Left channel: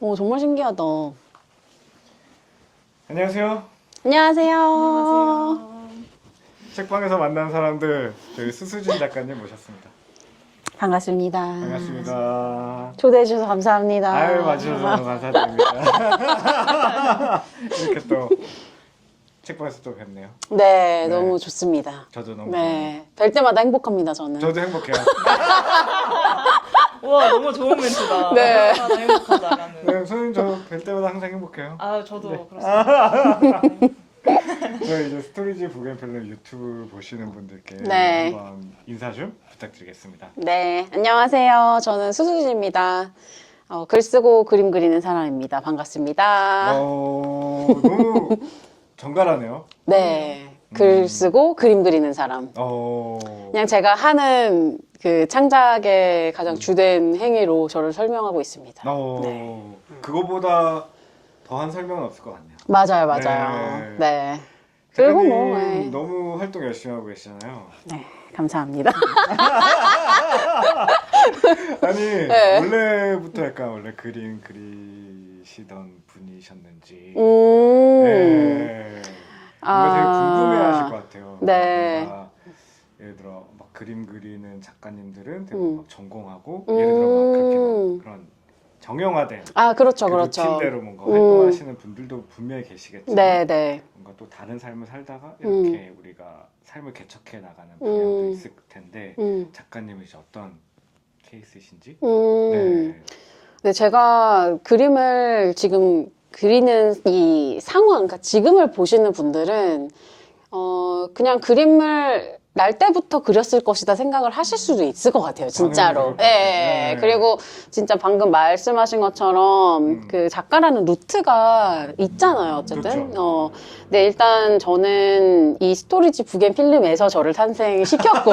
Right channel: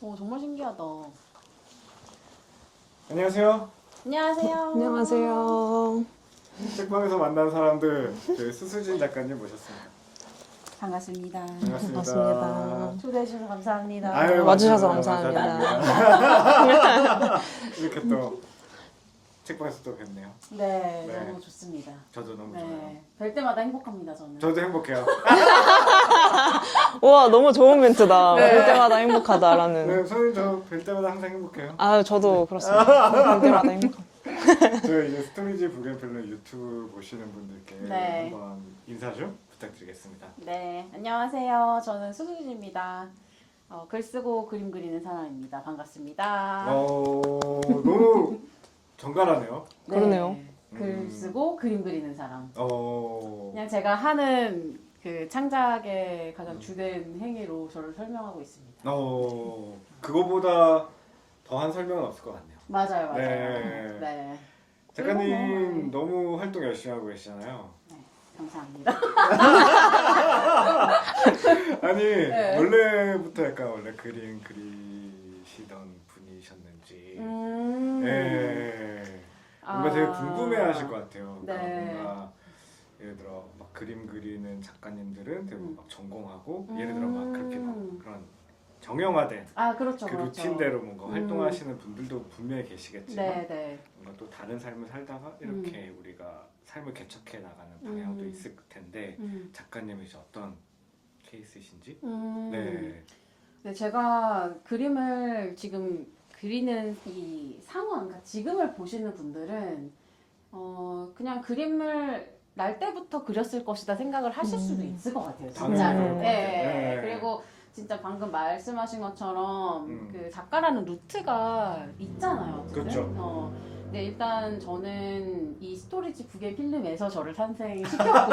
오, 정말 신기하다. 안녕하세요. 안녕하세요. 안녕하세요. 책방에서 만난 사람들 저희 수수진 작가님 모셨습니다. 반갑습니다. 반갑습니다. 초대해주셔서 감사합니다. 아유, 와주셔서 맞아요. 감사합니다. 이렇게 또 책방에서 또 뵙네요. 네, 네. 너무 좋습니다. 저도 너무 네, 뵐 때마다 행복합니다, 저는. 저도 행복해요. 우와, 너무 좋은 멘트다. 네. 볼 때마다 행복하다라는. 네, 선생님 저 뵐 때마다 항상 행복해요. 아, 저도 그렇습니다. 볼 때마다 행복합니다. 저희 이제 스토리지 부겐필름 유튜브 보시는 분들께 네. 한번 인사 좀 부탁드리겠습니다. 네, 안녕하세요. 저는 수수지입니다. 글 쓰고 그림 그리는 사람입니다. 반갑습니다. 너무 정갈하네요. 네, 글 쓰고 그림 그리는 사람. 그냥 제가 하는 그 창작의 가장 주된 행위로 저를 설명하고 있습니다. 네. 그거보다 더한 설명은 없을 것 같네요. 맞아요, 맞아요. 네. 그리고 뭐, 작가님 네. 너무 활동 열심히 하고 계시잖아요. 네, 감사합니다. 아니 네. 원래부터 약간 원래 그림 그리시던 분이셨는지 네. 뭔가 되게 궁금해하실 것 같아요. 네. 뭔가 예를 들어 막 그림 그리는 작가님들은 되게 막 전공하고 음. 예를 들어 막 그렇게 막 그런 정형화된 아, 그렇죠, 그 그렇죠. 루틴대로 뭔가 활동하시는 분들도 분명히 계시겠지만 네, 네. 뭔가 또 다른 삶을 살다가 이렇게 우리가 삶을 개척해 나가는 방향도 있을 텐데 작가님은 이제 어떤 케이스이신지? 네. 네, 제가 그림을 지금 그리는 이 상황, 그러니까 지금을 보시는 분들은 그냥 그림을 날 때부터 그렸을 것이다 생각을 하실 수도 있을 것 같아요, 진짜로. 네. 그리고 진짜 방금 말씀하신 것처럼 그 작가라는 루트가 있잖아요, 어쨌든. 그렇죠. 네, 일단 저는 이 스토리지 부겐필름에서 저를 탄생시켰고,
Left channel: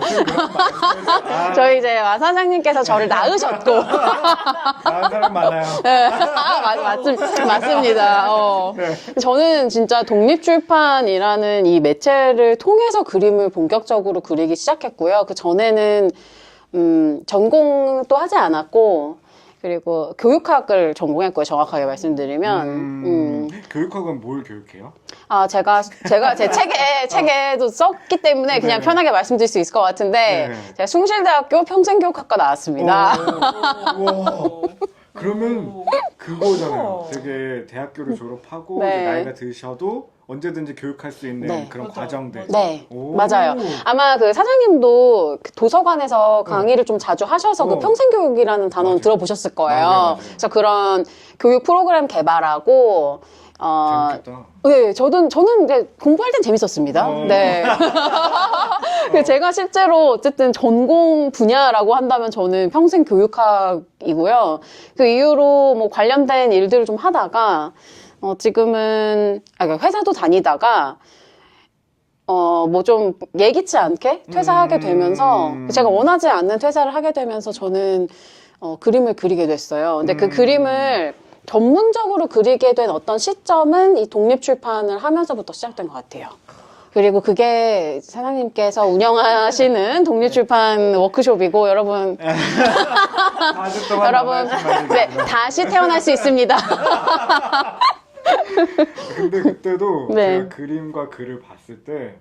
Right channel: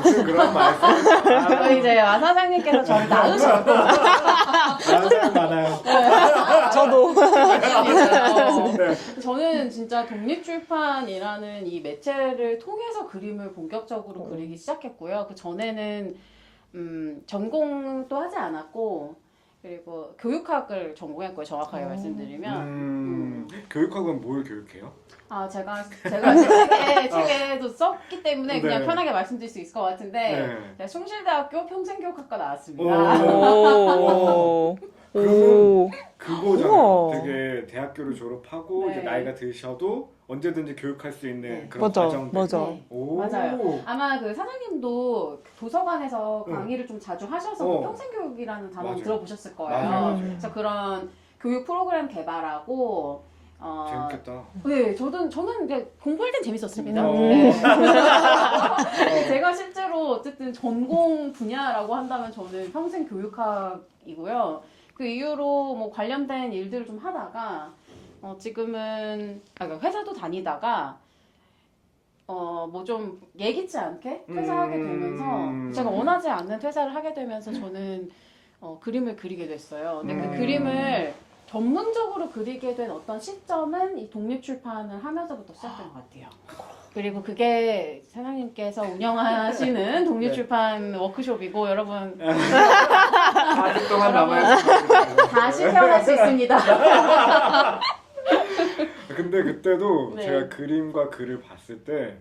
무슨 그런 말씀? 저희 이제 와 사장님께서 저를 낳으셨고, 난생 많아요. 맞습니다. 저는 진짜 독립출판이라는 이 매체를 통해서 그림을 본격적으로 그리기 시작했고요. 그 전에는 전공도 하지 않았고, 그리고 교육학을 전공했고요. 정확하게 말씀드리면. 교육학은 뭘 교육해요? 아, 제가 제 책에도 썼기 때문에 그냥 네. 편하게 말씀드릴 수 있을 것 같은데, 네. 제가 숭실대학교 평생교육학과 나왔습니다. 오. 그러면 그거잖아요. 우와. 되게 대학교를 졸업하고 네. 이제 나이가 드셔도 언제든지 교육할 수 있는 네. 그런 맞아, 과정들. 맞아. 네, 오. 맞아요. 아마 그 사장님도 그 도서관에서 강의를 좀 자주 하셔서 그 평생교육이라는 단어는 맞아요. 들어보셨을 거예요. 맞아요. 그래서 그런 교육 프로그램 개발하고, 재밌겠다. 네, 저는 이제 공부할 땐 재밌었습니다. 네. 그 제가 실제로 어쨌든 전공 분야라고 한다면 저는 평생 교육학이고요. 그 이후로 뭐 관련된 일들을 좀 하다가, 지금은, 그러니까 회사도 다니다가, 뭐 좀 예기치 않게 퇴사하게 되면서, 제가 원하지 않는 퇴사를 하게 되면서 저는, 그림을 그리게 됐어요. 근데 그 그림을 전문적으로 그리게 된 어떤 시점은 이 독립출판을 하면서부터 시작된 것 같아요. 그리고 그게 사장님께서 운영하시는 독립출판 워크숍이고, 여러분, 4주 동안 여러분, 남아있는 네, 다시 태어날 수 있습니다. 근데 그때도 네. 제가 그림과 글을 봤을 때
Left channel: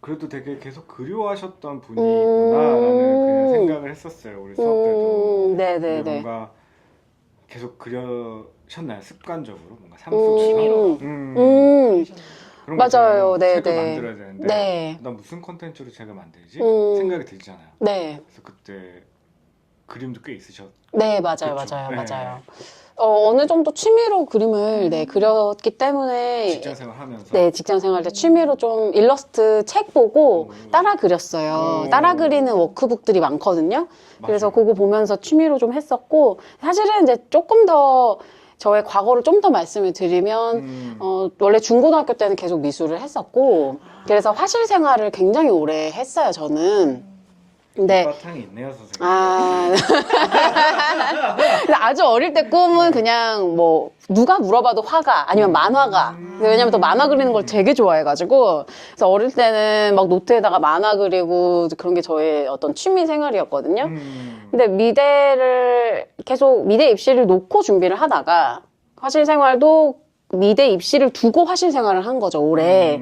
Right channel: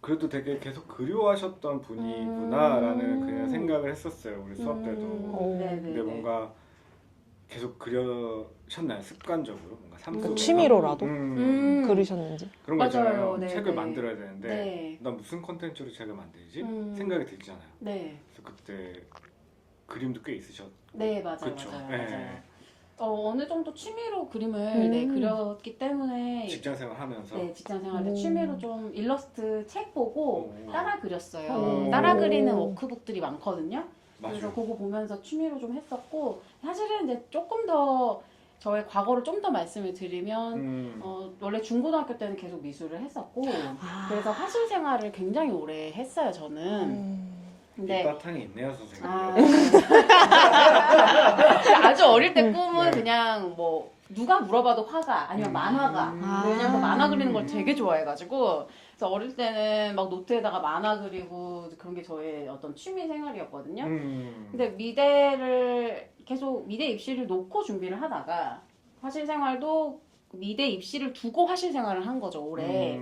그래도 되게 계속 그리워하셨던 분이구나라는 그냥 생각을 했었어요. 우리 수업 때도. 네네네. 근데 뭔가 계속 그려셨나요? 습관적으로 뭔가 취미로라도 그리셨는지. 그런 거 맞아요. 있잖아요. 네, 책을 네. 만들어야 되는데 네. 나 무슨 컨텐츠로 책을 만들지? 생각이 들잖아요. 네. 그래서 그때 그림도 꽤 있으셨죠? 네, 맞아요, 그쵸? 맞아요, 네. 맞아요. 어느 정도 취미로 그림을 네, 그렸기 때문에 직장 생활하면서 네, 직장 생활 때 취미로 좀 일러스트 책 보고 따라 그렸어요. 따라 그리는 워크북들이 많거든요. 그래서 그거 보면서 취미로 좀 했었고, 사실은 이제 조금 더 저의 과거를 좀 더 말씀을 드리면, 원래 중고등학교 때는 계속 미술을 했었고, 그래서 화실 생활을 굉장히 오래 했어요, 저는. 근데 바탕이 있네요, 선생님. 아주 어릴 때 꿈은 그냥 뭐 누가 물어봐도 화가 아니면 만화가. 왜냐면 또 만화 그리는 걸 되게 좋아해가지고 그래서 어릴 때는 막 노트에다가 만화 그리고 그런 게 저의 어떤 취미 생활이었거든요. 근데 미대 입시를 놓고 준비를 하다가 화실 생활도 미대 입시를 두고 화실 생활을 한 거죠, 올해.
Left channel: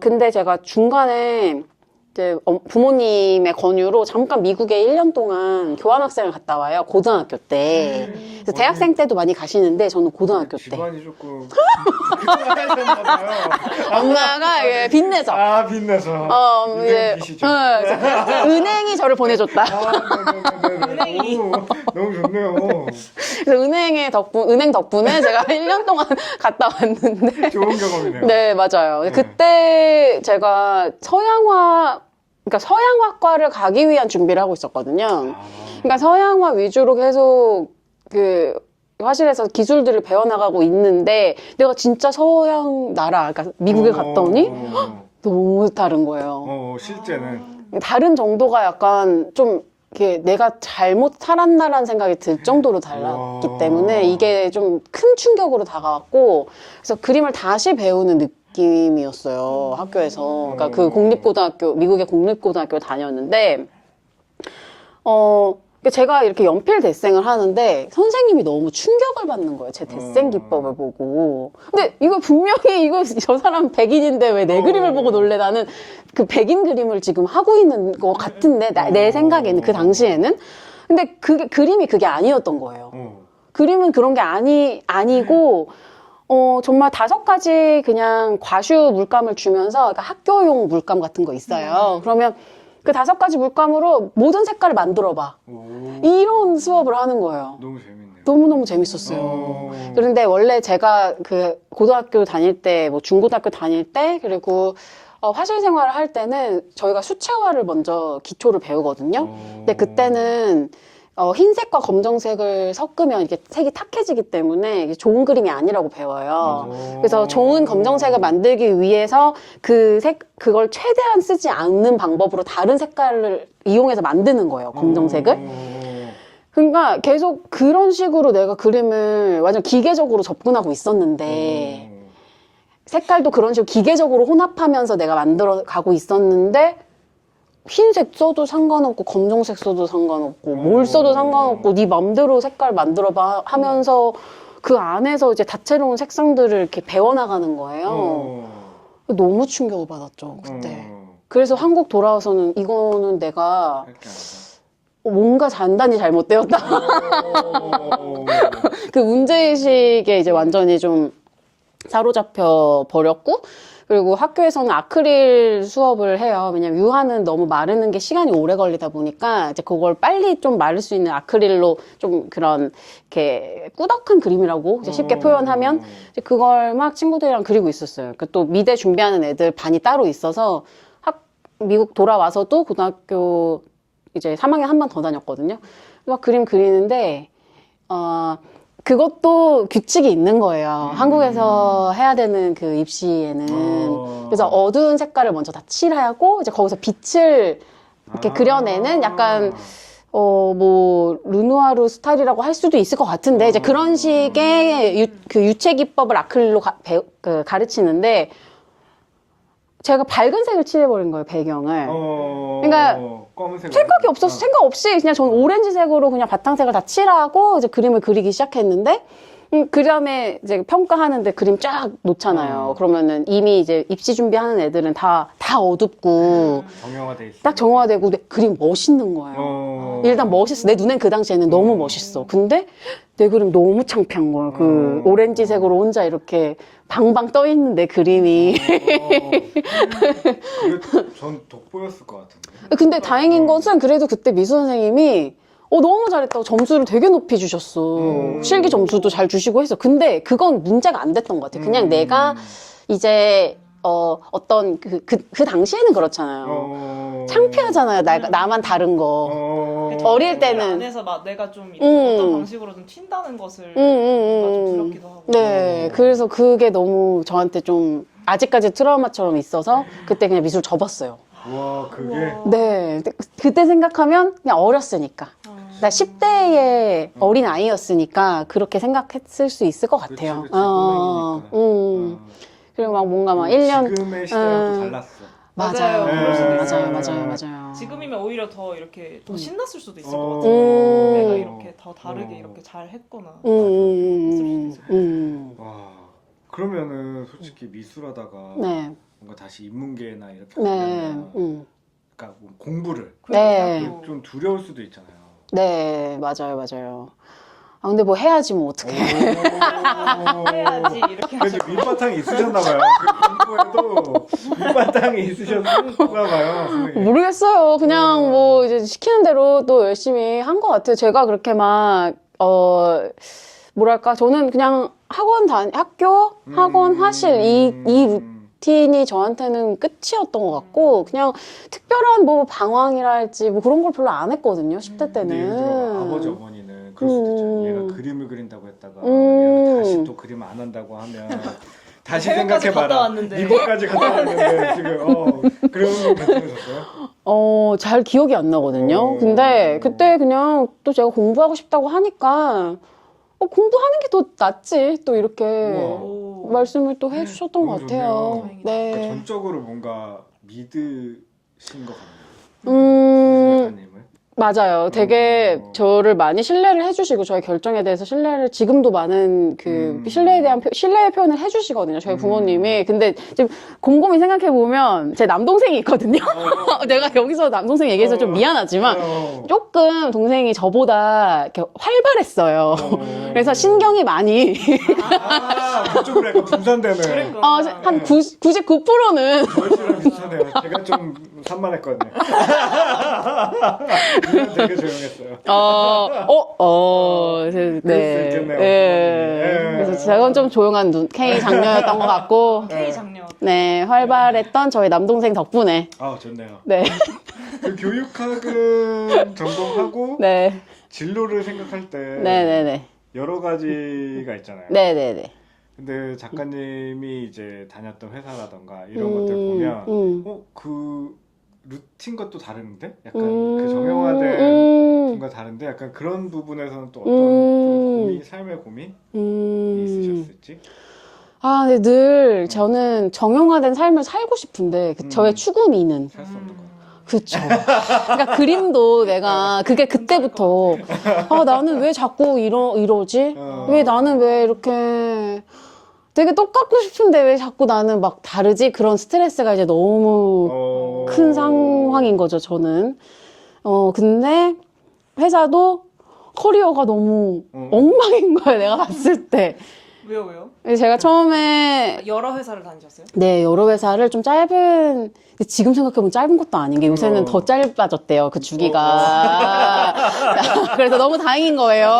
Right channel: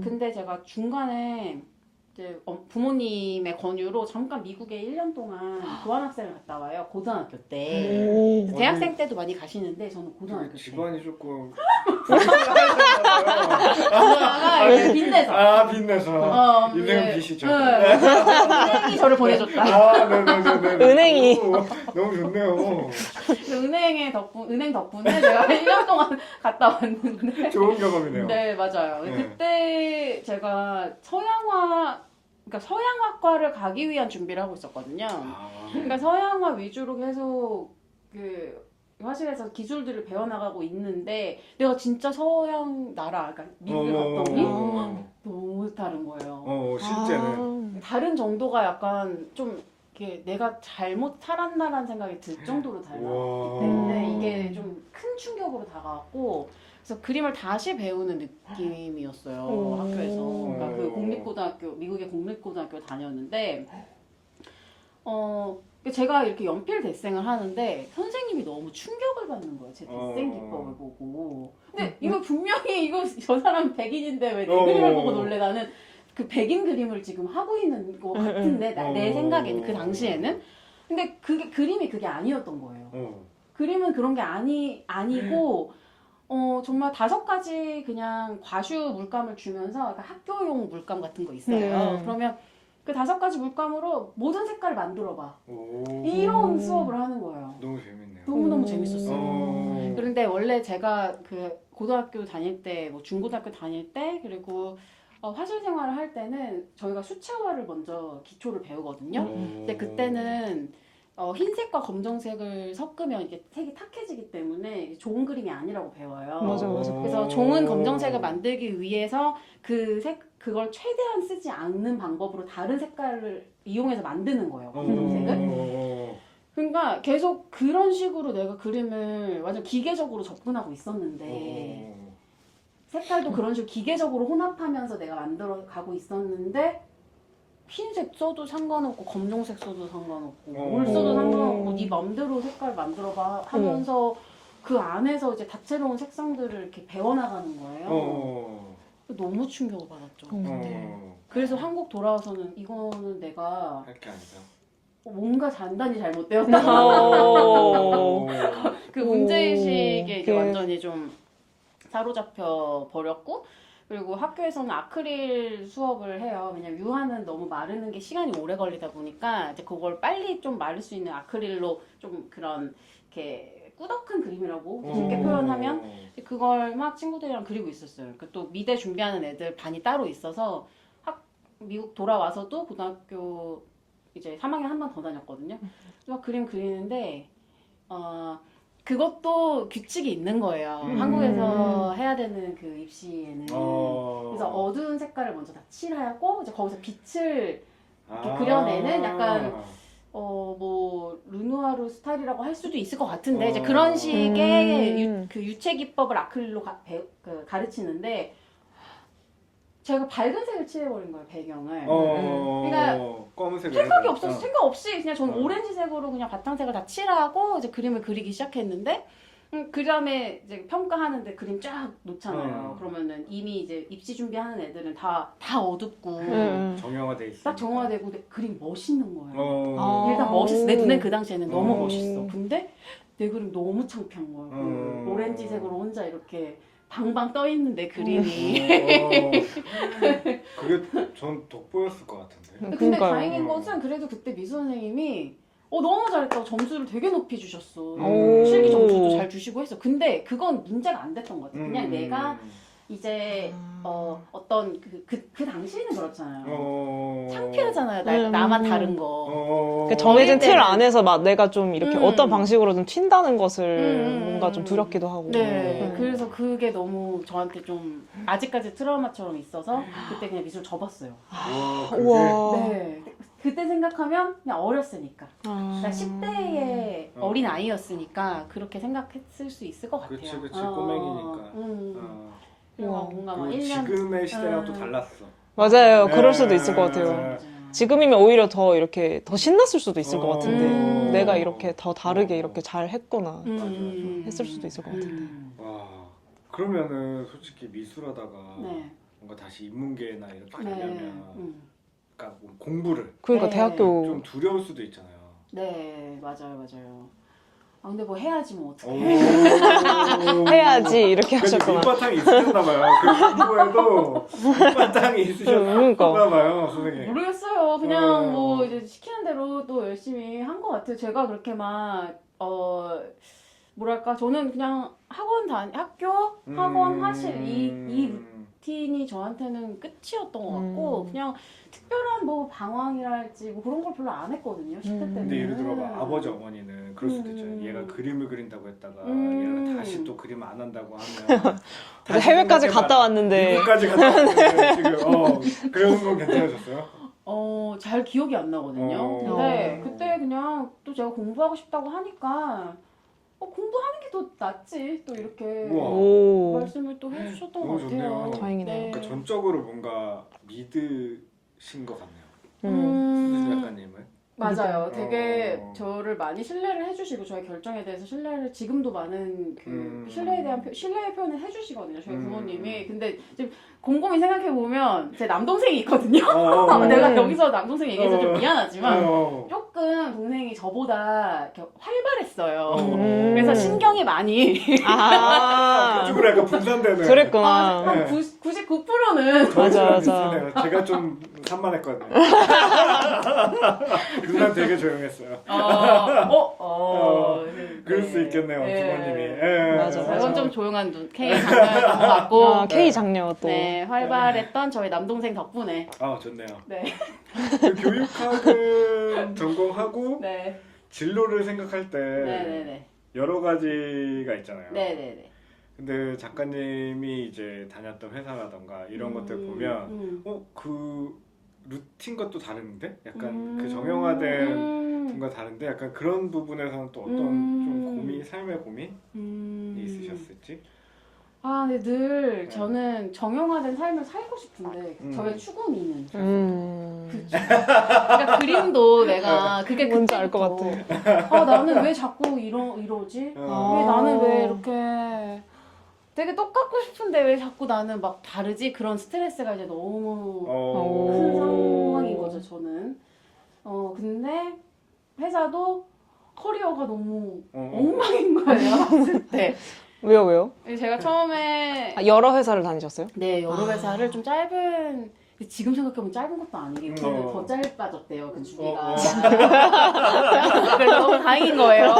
근데 제가 중간에 이제 부모님의 권유로 잠깐 미국에 1년 동안 교환학생을 갔다 와요. 고등학교 때. 그래서 대학생 때도 많이 가시는데 저는 고등학교 때. 집안이 조금 엄마가 예, 빚내서. 아 빛나서 예, 유명 빚이죠. 은행이 저를 보내줬다. 네네네네. 은행이. 너무 좋네요. 그래서 은행 덕분에 제가 1년 동안 갔다 왔는데. 좋은 경험이네요. 네, 맞아요. 네. 그때 제가 그러니까 서양화과를 가기 위한 준비를 하고 있었거든요. 그러니까 서양화 위주로 계속 그 화실에서 기술들을 배워나가고 있는데 내가 진짜 서양 나라, 그러니까 미국에 갔더니 너무 다른 거예요. 실제는 다른 정도가 약간 좀 이게 내가 잘못 살았나라는 생각이 들 정도로 달랐기 때문에 이게 좀 큰 충격으로 다가왔고 그래서 그림을 다시 배우는 느낌이었어요. 학교에서. 그러니까 그 미국의 공립고등학교 다녔는데 제가 이렇게 연필 데생을 하는데 선생님이 너무 충격을 받는 거예요. 제 데생 기법을 보고. 근데 이거 분명히 저 사람 백인인데 왜 내 그림을 보고 놀래? 나는 그 백인 그림을 지금 하고 있는 것 같은데 내 생각에는 그 당시에는. 근데 그림이 그게 아니었던 거예요. 그림은 그런 게 아니고 정말 5가지 그냥 과슈 물감을 주면서 그러니까 학교용 물감 같은 거 있어요. 그러면 그 5가지 물감으로 모든 색깔을 만들어봐. 이런 수업을 하는 거예요. 너무 재밌네요. 너무너무 재밌었어요. 그런데 원래 제가 그 고등학교 다닐 때, 뭐 중고등학교 다닐 때, 그리고 화실 생활을 할 때는 저희가 수채화를 먼저 기초를 배우거든요. 근데 그때는 흰색과 검정색을 섞으면 이게 색이 탁해지기 때문에 이게 좋은 그림이 아니라고 배워요. 그래서 좋은 검정색을 만들기 위해서 그걸 최대한 쓰지 않는 방법으로 다른 색깔을 이용해서 만드는 거예요. 검정색을. 그러니까 계속 그런 식으로 내가 그림을 완전 기계적으로 접근하고 있었는데 색깔도 그런 식으로 기계적으로 혼합하면서 내가 만들어 가고 있었는데 흰색 써도 상관없고 검정색 써도 상관없고 뭘 써도 상관없고 네 맘대로 색깔 만들어봐 하면서 그 안에서 이제 다채로운 색상들을 이렇게 배워나가는 거예요. 너무 충격을 받았죠 그때. 그래서 한국 돌아와서는 이거는 내가 뭔가 단단히 잘못되었다. 그 문제의식에 이제 완전히 좀 사로잡혀 버렸고 그리고 학교에서는 아크릴 수업을 해요. 왜냐면 유화는 너무 마르는 게 시간이 오래 걸리다 보니까 이제 그걸 빨리 좀 마를 수 있는 아크릴로 좀 그런 이렇게 꾸덕한 그림이라고 이제 쉽게 표현하면 이제 그걸 막 친구들이랑 그리고 있었어요. 또 미대 준비하는 애들 반이 따로 있어서 미국 돌아와서도 고등학교 이제 3학년 한 번 더 다녔거든요. 막 그림 그리는데 그것도 규칙이 있는 거예요. 한국에서 해야 되는 그 입시에는. 그래서 어두운 색깔을 먼저 다 칠하고, 이제 거기서 빛을 이렇게 그려내는 약간, 뭐, 르누아르 스타일이라고 할 수도 있을 것 같은데, 이제 그런 식의 그 유체 기법을 아크릴로 가르치는데, 제가 밝은 색을 칠해버린 거예요, 배경을. 그러니까 생각이 없었어. 생각 없이 그냥 저는 오렌지색으로 그냥 바탕색을 다 칠하고 이제 그림을 그리기 시작했는데 그 다음에 이제 평가하는데 그림 쫙 놓잖아요. 그러면은 이미 이제 입시 준비하는 애들은 다 어둡고 정형화돼 있어. 딱 정화되고 근데 그림 멋있는 거예요. 일단 멋있어. 내 눈엔 그 당시에는 너무 멋있어. 근데 내 그림 너무 창피한 거야. 그 오렌지색으로 혼자 이렇게 방방 떠 있는 내 그림이. 그게 전 돋보였을 것 같은데. 근데 그러니까요. 다행인 것은 그래도 그때 미수 선생님이 너무 잘했다고 점수를 되게 높이 주셨어. 실기 점수도 잘 주시고 해서. 근데 그건 문제가 안 됐던 것 같아. 그냥 내가 이제 어떤 그 당시에는 그렇잖아요. 창피하잖아요. 나만 다른 거. 정해진 어릴 틀 때는. 안에서 막 내가 좀 이렇게 어떤 방식으로든 튄다는 것을 뭔가 좀 두렵기도 하고. 네, 그래서 그게 너무 저한테 좀 아직까지 트라우마처럼 있어서 그때 그냥 미술 접었어요. 와, 그게 우와. 네. 그때 생각하면 그냥 어렸으니까. 나 10대의 어린 아이였으니까 그렇게 생각했을 수 있을 것 그치, 같아요. 그치, 꼬맹이니까. 그리고 막 뭔가 막 1년. 지금의 시대랑 또 달랐어. 맞아요. 네, 그럴 수도 있을 맞아요, 것 같아요. 맞아요. 지금이면 오히려 더 이렇게 더 신났을 수도 있을 것 같은데 내가 이렇게 더 다르게 이렇게 잘 했구나 했을 수도 있을 것 같아요. 와, 그러면은 솔직히 미술하다가 네. 뭔가 다시 인문계나 이렇게 네. 되면 그러니까 뭐 공부를 그러니까 네. 대학교 좀 두려울 수도 있잖아요. 네, 맞아요. 아, 근데 뭐 해야지 뭐 어떡해. 해야지 이렇게 그래도 하셨구나. 밑바탕이 있으셨나봐요. 공부에도 밑바탕이 있으셨나봐요. 선생님. 모르겠어요. 그냥 뭐 이제 시키는 대로 또 열심히 한 것 같아요. 제가 그렇게 막, 뭐랄까. 저는 그냥 학교, 학원, 화실, 이 루틴이 저한테는 끝이었던 것 같고, 그냥 특별한 뭐 방황이랄지 뭐 그런 걸 별로 안 했거든요. 10대 근데 때는. 예를 들어 아버지 어머니는 그럴 수도 있잖아요. 얘가 그림을 그린다고 했다가 얘가 다시 또 그림 안 한다고 하면 다시 해외까지 생각해봐라. 갔다 왔는데. 미국까지 갔다 왔는데 지금 그런 거 괜찮으셨어요? 잘 기억이 안 나거든요. 근데 그때 그냥 또 제가 공부하고 싶다고 하니까 공부하는 게 더 낫지. 또 이렇게 오. 말씀을 또 해주셨던 것 너무 같아요. 좋네요. 다행이다. 그러니까 네. 전적으로 뭔가 믿으신 것 같네요. 작가님은. 맞아요. 되게 저를 많이 신뢰를 해주시고 저의 결정에 대해서 신뢰를 지금도 많은 그 신뢰에 대한 신뢰의 표현을 해주시거든요. 저희 부모님이. 근데 지금 곰곰이 생각해 보면 제 남동생이 있거든요. 내가 여기서 남동생 얘기해서 좀 미안하지만 조금 동생이 저보다 이렇게 활발했어요. 그래서 신경이 많이 그쪽으로 약간 분산되는. 그랬구나. 한 99%는 맞아. 제가 좀 산만했거든요. 그냥 되게 조용했어요. 네. 그럴 수 있겠네요, 네. 그래서 제가 좀 조용한 K 장녀였던 것 같고. K 장녀. 또. 네, 활발했던 저희 남동생 덕분에. 아, 좋네요. 네. 그 교육학은 전공하고 네. 진로를 생각할 때 네네네. 여러 가지가 있잖아요. 네네네. 근데 작가님이 이제 다녔던 회사라던가 이런 것들 보면 그 루틴 것도 다른데? 약간 그 정형화된 과 다른데 약간 그런 부분에서는 또 어떤 좀 고민, 삶의 고민이 있으셨을지? 아, 근데 늘 저는 정형화된 삶을 살고 싶은데 저의 추구미는 그쵸. 그러니까 그림도 내가 그게 뭔지 알 그때부터 나는 왜 자꾸 이러지? 왜 나는 왜 이렇게 되게 똑같고 싶은데 왜 자꾸 나는 막 다르지? 그런 스트레스가 이제 너무 큰 상황인 거죠, 저는. 근데 회사도 커리어가 너무 엉망인 거야, 내가 봤을 때. 왜요? 제가 처음에 여러 회사를 다니셨어요? 네, 여러 회사를 좀 짧은 근데 지금 생각해보면 짧은 것도 아닌 게 요새는 더 짧아졌대요, 그 주기가. 그래서 너무 다행인 거예요.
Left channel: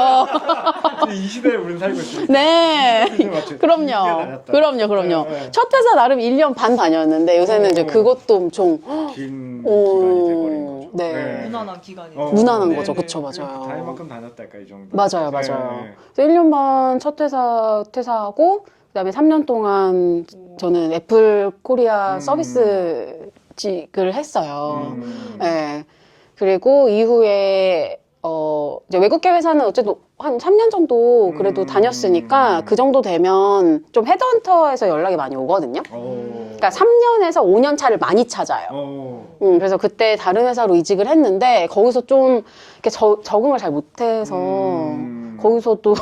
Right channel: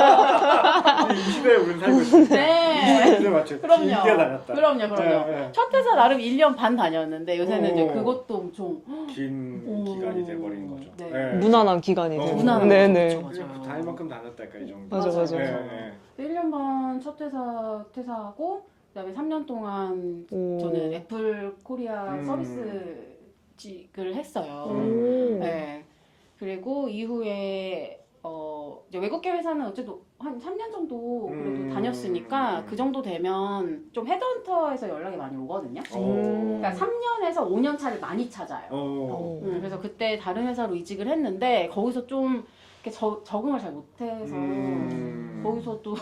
이 시대에 우리는 살고 있어요. 네. 그럼요. 네. 첫 회사 나름 1년 반 다녔는데 요새는 이제 그것도 엄청 긴 기간이 돼버린 거죠. 네. 무난한 기간이죠. 무난한 네, 거죠. 네. 그쵸, 맞아요. 다닐 만큼 다녔다, 약간 이 정도. 맞아요. 그래서 1년 반 첫 회사 퇴사하고 그다음에 3년 동안 저는 애플 코리아 서비스직을 했어요. 네. 그리고 이후에 이제 외국계 회사는 어쨌든 한 3년 정도 그래도 다녔으니까 그 정도 되면 좀 헤드헌터에서 연락이 많이 오거든요. 그러니까 3년에서 5년 차를 많이 찾아요. 그래서 그때 다른 회사로 이직을 했는데 거기서 좀 이렇게 적응을 잘 못해서 거기서도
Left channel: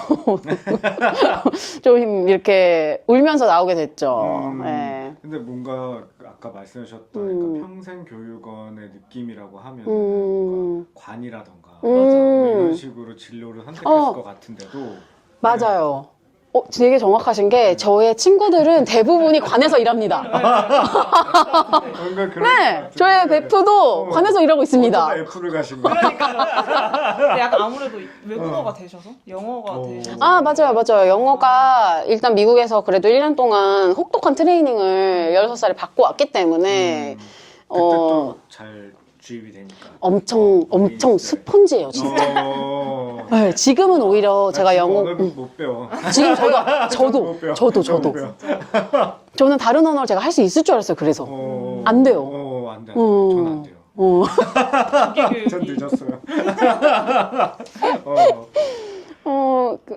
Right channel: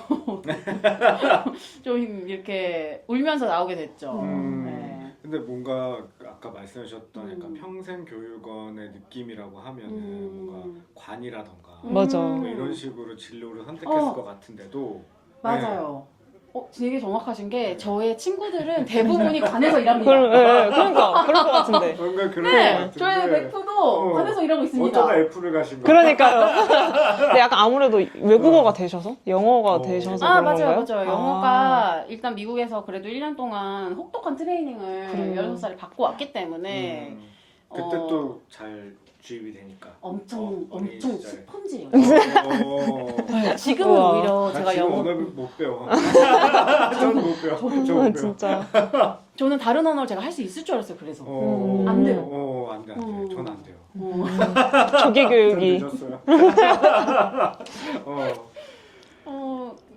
좀 이렇게 울면서 나오게 됐죠. 네. 근데 뭔가 아까 말씀하셨던 평생 교육원의 느낌이라고 하면 뭔가 관이라던가 맞아. 뭐 이런 식으로 진로를 선택했을 것 같은데도 맞아요. 되게 정확하신 게 저의 친구들은 대부분이 관에서 일합니다. 그런 것 같은데. 뭔가 그런 네, 저희 베프도 관에서 일하고 있습니다. 어쩌다 F를 가신 거예요? 그러니까요. 근데 약간 아무래도 외국어가 되셔서? 영어가 되셔서. 아, 그런 건가요? 맞아요. 영어가 일단 미국에서 그래도 1년 동안 혹독한 트레이닝을 16살에 받고 왔기 때문에 그때 또 잘 주입이 되니까. 엄청 어린이집에. 스폰지예요, 진짜. 네, 지금은 우와. 오히려 제가 지금 영어 언어를 못 배워. 지금 못 배워. 저도 진짜. 저는 다른 언어를 제가 할 수 있을 줄 알았어요. 그래서 안 돼요. 안 돼요. 저는 안 돼요. 조기 전 교육이. 늦었어요.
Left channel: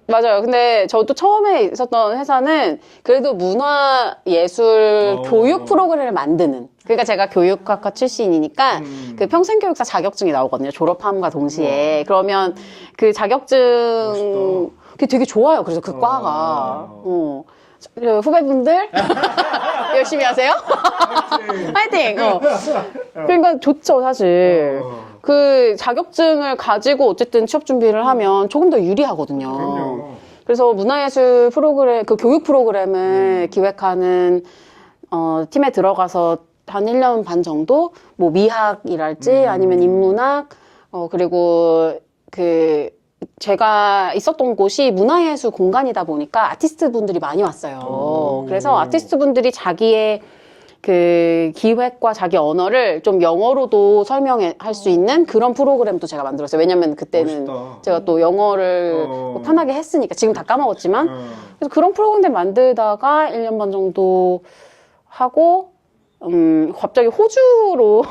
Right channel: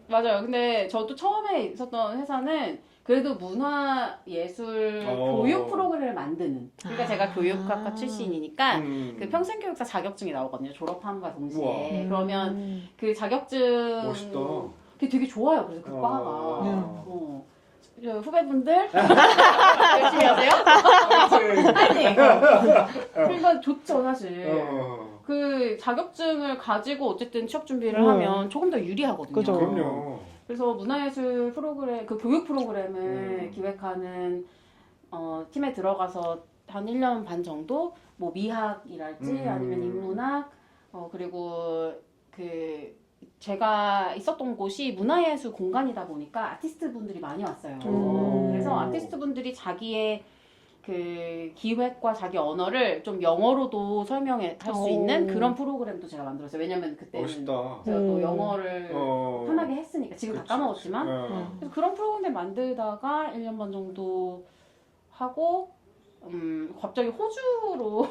맞아요. 근데 저도 처음에 있었던 회사는 그래도 문화예술 교육 프로그램을 만드는. 그러니까 제가 교육학과 출신이니까 그 평생교육사 자격증이 나오거든요. 졸업함과 동시에. 그러면 그 자격증 멋있다. 그게 되게 좋아요. 그래서 그 과가. 후배분들 열심히 하세요. 파이팅! 그러니까 좋죠, 사실. 그 자격증을 가지고 어쨌든 취업 준비를 하면 조금 더 유리하거든요. 그럼요. 그래서 문화예술 프로그램, 그 교육 프로그램을 기획하는 팀에 들어가서 한 1년 반 정도 뭐 미학이랄지 아니면 인문학 그리고 그 제가 있었던 곳이 문화예술 공간이다 보니까 아티스트 분들이 많이 왔어요. 그래서 아티스트 분들이 자기의 그 기획과 자기 언어를 좀 영어로도 설명할 수 있는 그런 프로그램도 제가 만들었어요. 왜냐면 그때는 멋있다. 제가 또 영어를 편하게 했으니까 지금 다 까먹었지만 그래서 그런 프로그램 만들다가 1년 반 정도 하고 갑자기 호주로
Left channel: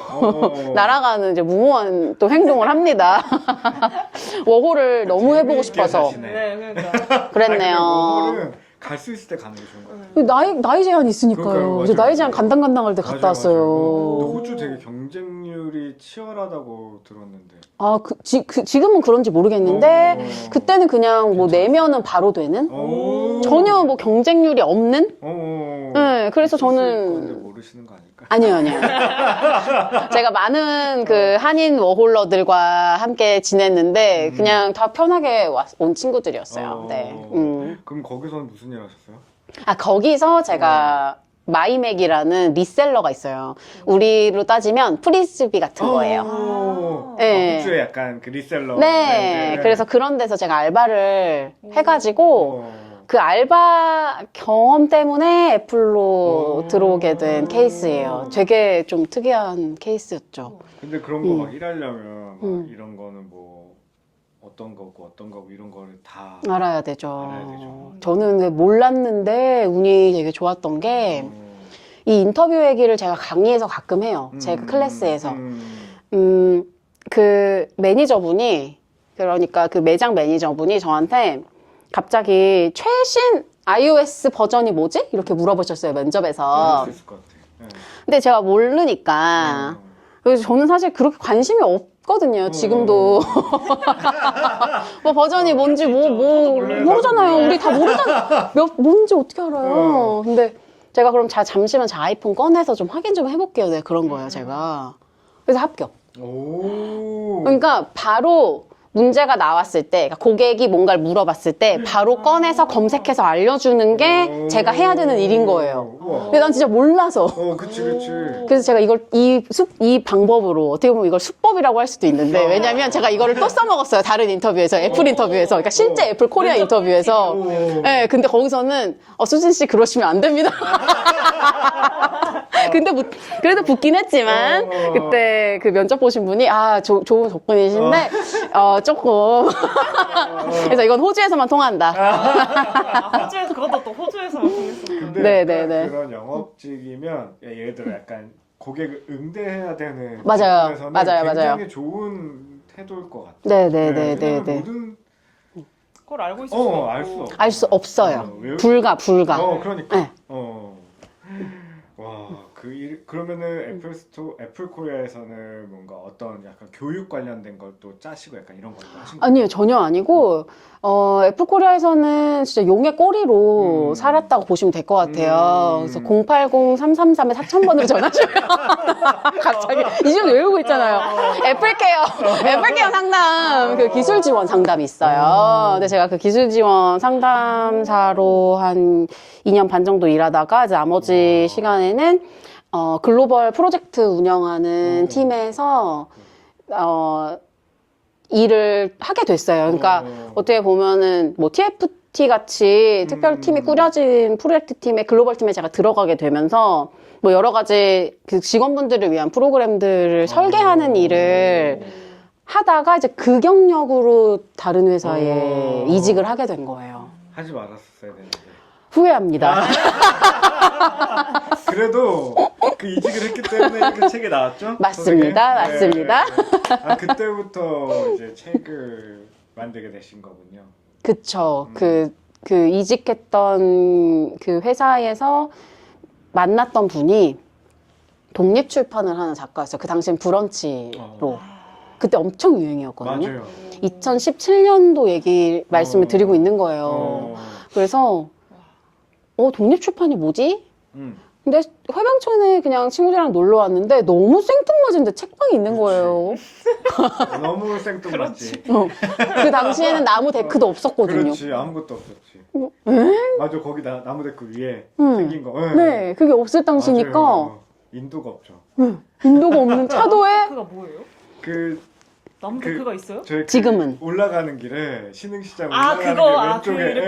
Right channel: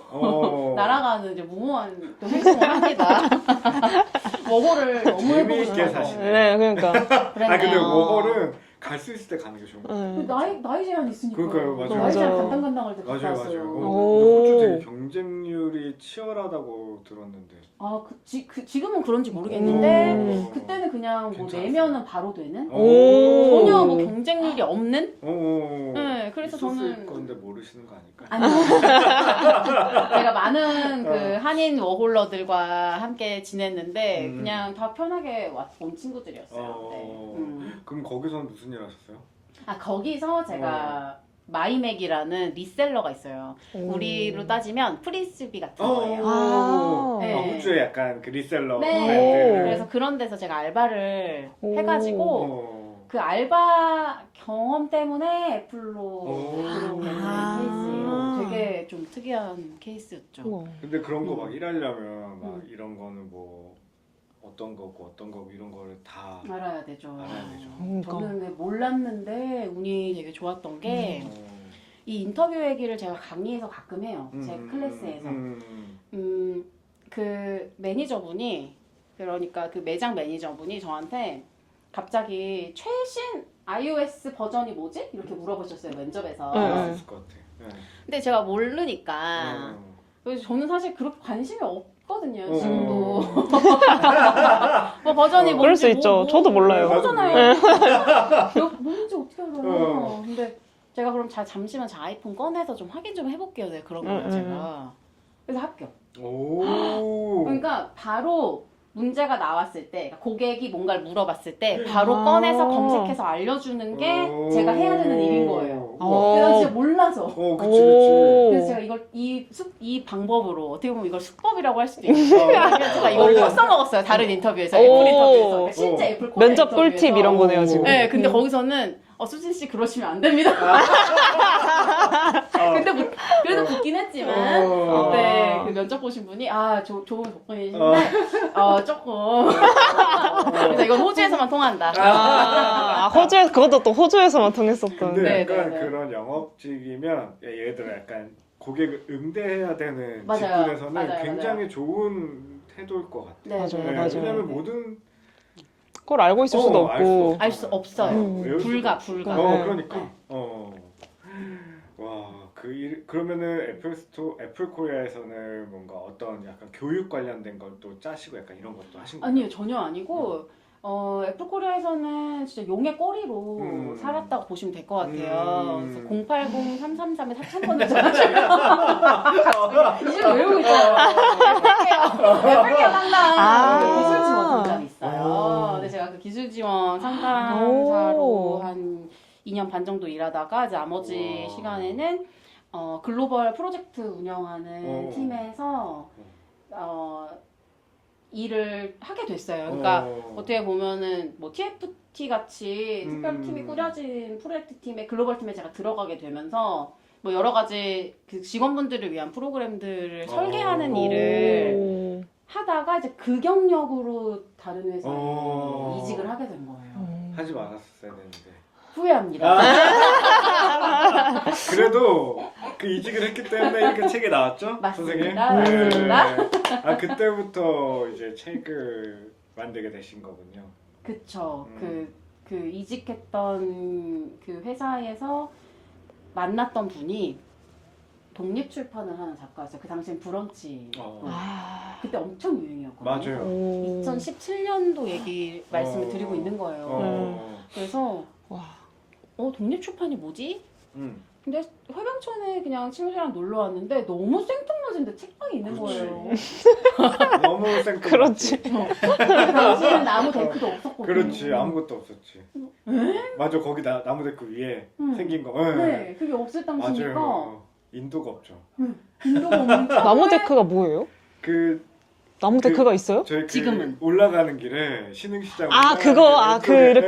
날아가는 이제 무모한 또 행동을 합니다. 워홀을 너무 해보고 싶어서 네, 그러니까. 그랬네요. 워홀은 갈 수 있을 때 가는 게 좋은 것 같아요. 나이 제한이 있으니까요. 그러니까요, 그래서 맞아요. 나이 제한 간당간당할 때 갔다 왔어요. 호주 되게 경쟁률이 치열하다고 들었는데. 아, 지금은 그런지 모르겠는데 그때는 그냥 뭐 내면은 바로 되는 전혀 뭐 경쟁률이 없는. 네, 그래서 있었을 저는 건데 모르시는 거 아닐까? 아니요. 제가 많은 그 한인 워홀러들과 함께 지냈는데 그냥 다 편하게 온 친구들이었어요. 네. 그럼 거기서는 무슨 일 하셨어요? 아, 거기서 제가 마이맥이라는 리셀러가 있어요. 우리로 따지면 프리스비 같은 거예요. 네. 호주에 약간 그 리셀러. 네. 그래서 그런 데서 제가 알바를 해가지고 그 알바 경험 때문에 애플로 들어오게 된 케이스예요. 되게 좀 특이한 케이스였죠. 근데 그런 거 막 일하려면 막 이런 거는 뭐 어떤 거고 이런 거를 다 알아야 되죠. 알아야 되죠. 저는 근데 몰랐는데 운이 되게 좋았던 게 이 인터뷰 얘기를 제가 강의에서 가끔 해요. 제 클래스에서. 그 매니저분이 그러니까 그 매장 매니저분이 저한테 갑자기 최신 iOS 버전이 뭐지? 이렇게 물어보셨어요, 면접에서. 알수 있을 것 같아. 네. 근데 제가 모르니까. 그래서 저는 사실 그렇게 관심이 없거든요, 지금도. 뭐 버전이 그럴 뭔지 수 있죠. 저도 몰라요. 모르잖아요. 우리 다 모르잖아요. 뭔지 어떻게 알아요? 근데 제가 그럼 잠시만 제 아이폰 꺼내서 좀 확인 좀 해볼게요. 네, 그런 거예요, 제가. 그래서 합격. 그러니까 바로 문제가 나왔을 때, 그러니까 고객이 뭔가를 물어봤을 때 바로 꺼내서 검색해서 알려주는 게 제가 해야 되는 일인 거예요. 근데 난 진짜 몰라서. 그치. 그래서 제가 이걸 이 방법으로 어떻게 보면 이걸 수법이라고 할 수도 있는데 왜냐면 제가 이거를 또 써먹었어요. 다른 인터뷰에서, 애플 인터뷰에서. 그러니까 실제 애플 코리아 면접 인터뷰에서. 꿀팁 이런 거네요, 지금. 네, 근데 거기서는 수진 씨 그러시면 안 됩니다. 근데 그래도 붙긴 했지만 그때 그 면접 보신 분이 좋은 접근이신데 조금 그래서 이건 호주에서만 통한다. 호주에서, 그것도 또 호주에서만 통했었던. 네. 그런 영업직이면 예를 들어 약간 고객을 응대해야 되는 맞아요. 직군에서는 맞아요. 굉장히 좋은 태도일 것 같아요. 네. 모든 그걸 알고 있을 수도 없고. 알 수 없어요. 불가. 그러니까. 네. 와, 그러면은 애플 코리아에서는 뭔가 어떤 약간 교육 관련된 걸 또 짜시고 약간 이런 것도 하신 거예요? 아니요, 전혀 아니고 애플 코리아에서는 진짜 용의 꼬리로 살았다고 보시면 될 것 같아요. 그래서 080-333-4000번을 전화주면 갑자기 이름 외우고 있잖아요. 애플케어 상담 그 기술 지원 상담이 있어요. 근데 제가 그 기술 지원 상담사로 한 2년 반 정도 일하다가 이제 나머지 시간에는 글로벌 프로젝트 운영하는 팀에서 일을 하게 됐어요. 그러니까 어떻게 보면은 뭐 TFT 같이 특별팀이 꾸려진 프로젝트 팀에 글로벌 팀에 제가 들어가게 되면서 뭐 여러 가지 그 직원분들을 위한 프로그램들을 설계하는 일을 하다가 이제 그 경력으로 다른 회사에 이직을 하게 된 거예요. 하지 말았어야 되는데. 후회합니다. 그래도 그 이직을 했기 때문에 그 책이 나왔죠? 맞습니다. 선생님? 맞습니다. 아, 그때부터 이제 책을 만들게 되신 거군요. 그쵸. 그 이직했던 그 회사에서 만났던 분이 독립출판을 하는 작가였어요. 그 당시엔 브런치로. 그때 엄청 유행이었거든요. 맞아요. 2017년도 얘기 말씀을 드리고 있는 거예요. 그래서 독립출판이 뭐지? 근데 회방촌에 그냥 친구들이랑 놀러 왔는데 너무 생뚱맞은데 책방이 있는 거예요. 너무 생뚱맞지. 그 당시에는 나무 데크도 없었거든요. 그렇지, 아무것도 없었지. 맞아, 거기 나무 데크 위에 생긴 거. 네, 그게 없을 당시니까. 맞아요. 인도가 없죠. 인도가 없는 나무 차도에 데크가 뭐예요? 나무 데크가 있어요? 저희 지금은. 올라가는 길에 신흥시장. 그렇게.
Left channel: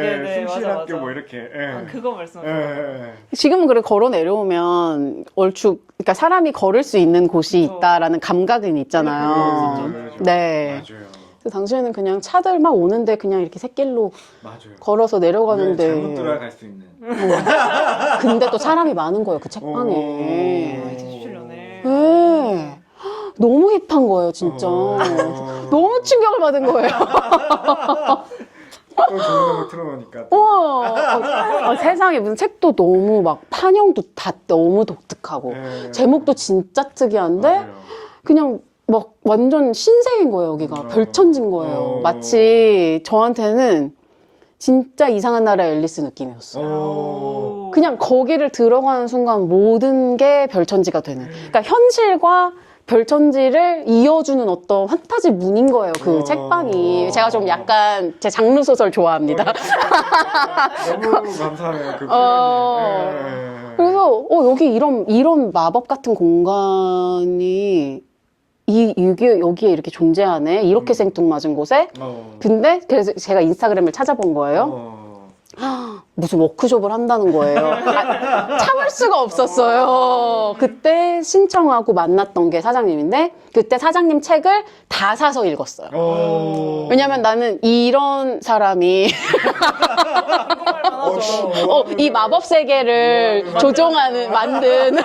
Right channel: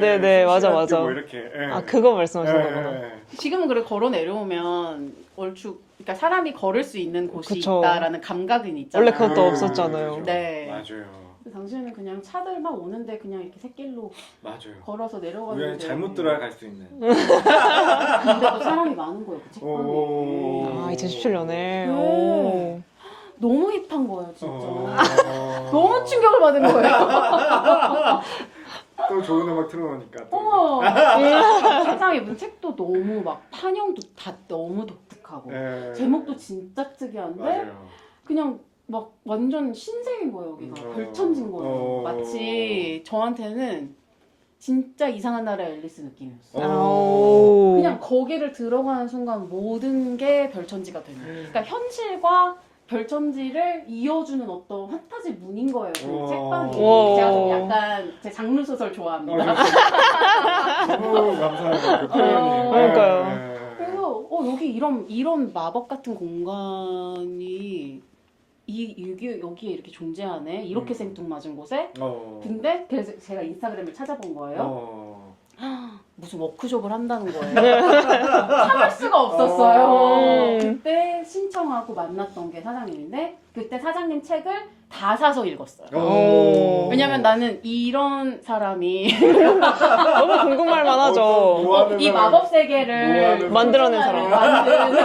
네네, 맞아. 뭐 이렇게. 그거 말씀하시는 거예요? 지금은 그래 걸어 내려오면 얼추 그러니까 사람이 걸을 수 있는 곳이 그쵸. 있다라는 감각은 있잖아요. 원래 그것도 없었잖아요. 네. 맞아요. 그 당시에는 그냥 차들 막 오는데 그냥 이렇게 샛길로 맞아요. 걸어서 내려가는데 잘못 들어갈 수 있는. 근데 또 사람이 많은 거예요 그 책방에. 2017년에. 네. 너무 힙한 거예요 진짜. 어. 너무 충격을 받은 거예요. 또 좋은 음악 틀어놓으니까. 우와. 세상에 무슨 책도 너무 막 판형도 다 너무 독특하고 제목도 진짜 특이한데 맞아요. 그냥 막 완전 신세계인 거예요 여기가. 별천지인 거예요. 마치 저한테는 진짜 이상한 나라의 앨리스 느낌이었어요. 그냥 거기를 들어가는 순간 모든 게 별천지가 되는. 그러니까 현실과 별천지를 이어주는 어떤 판타지 문인 거예요, 그 책방이. 제가 좀 약간 제 장르 소설 좋아합니다. 너무 감사해요. 그 그러니까요. 그래서 여기 이런 마법 같은 공간이 여기에 이렇게 존재하네. 이렇게 생뚱맞은 곳에. 근데 그래서 제가 인스타그램을 찾아본 거예요. 무슨 워크숍을 한다는 거예요. 참을 수가 없었어요. 그때 신청하고 만났던 게 사장님인데 그때 사장님 책을 다 사서 읽었어요. 왜냐면 나는 이런 사람이 너무 궁금할 만하죠. 이 마법 세계를 조종하는 만든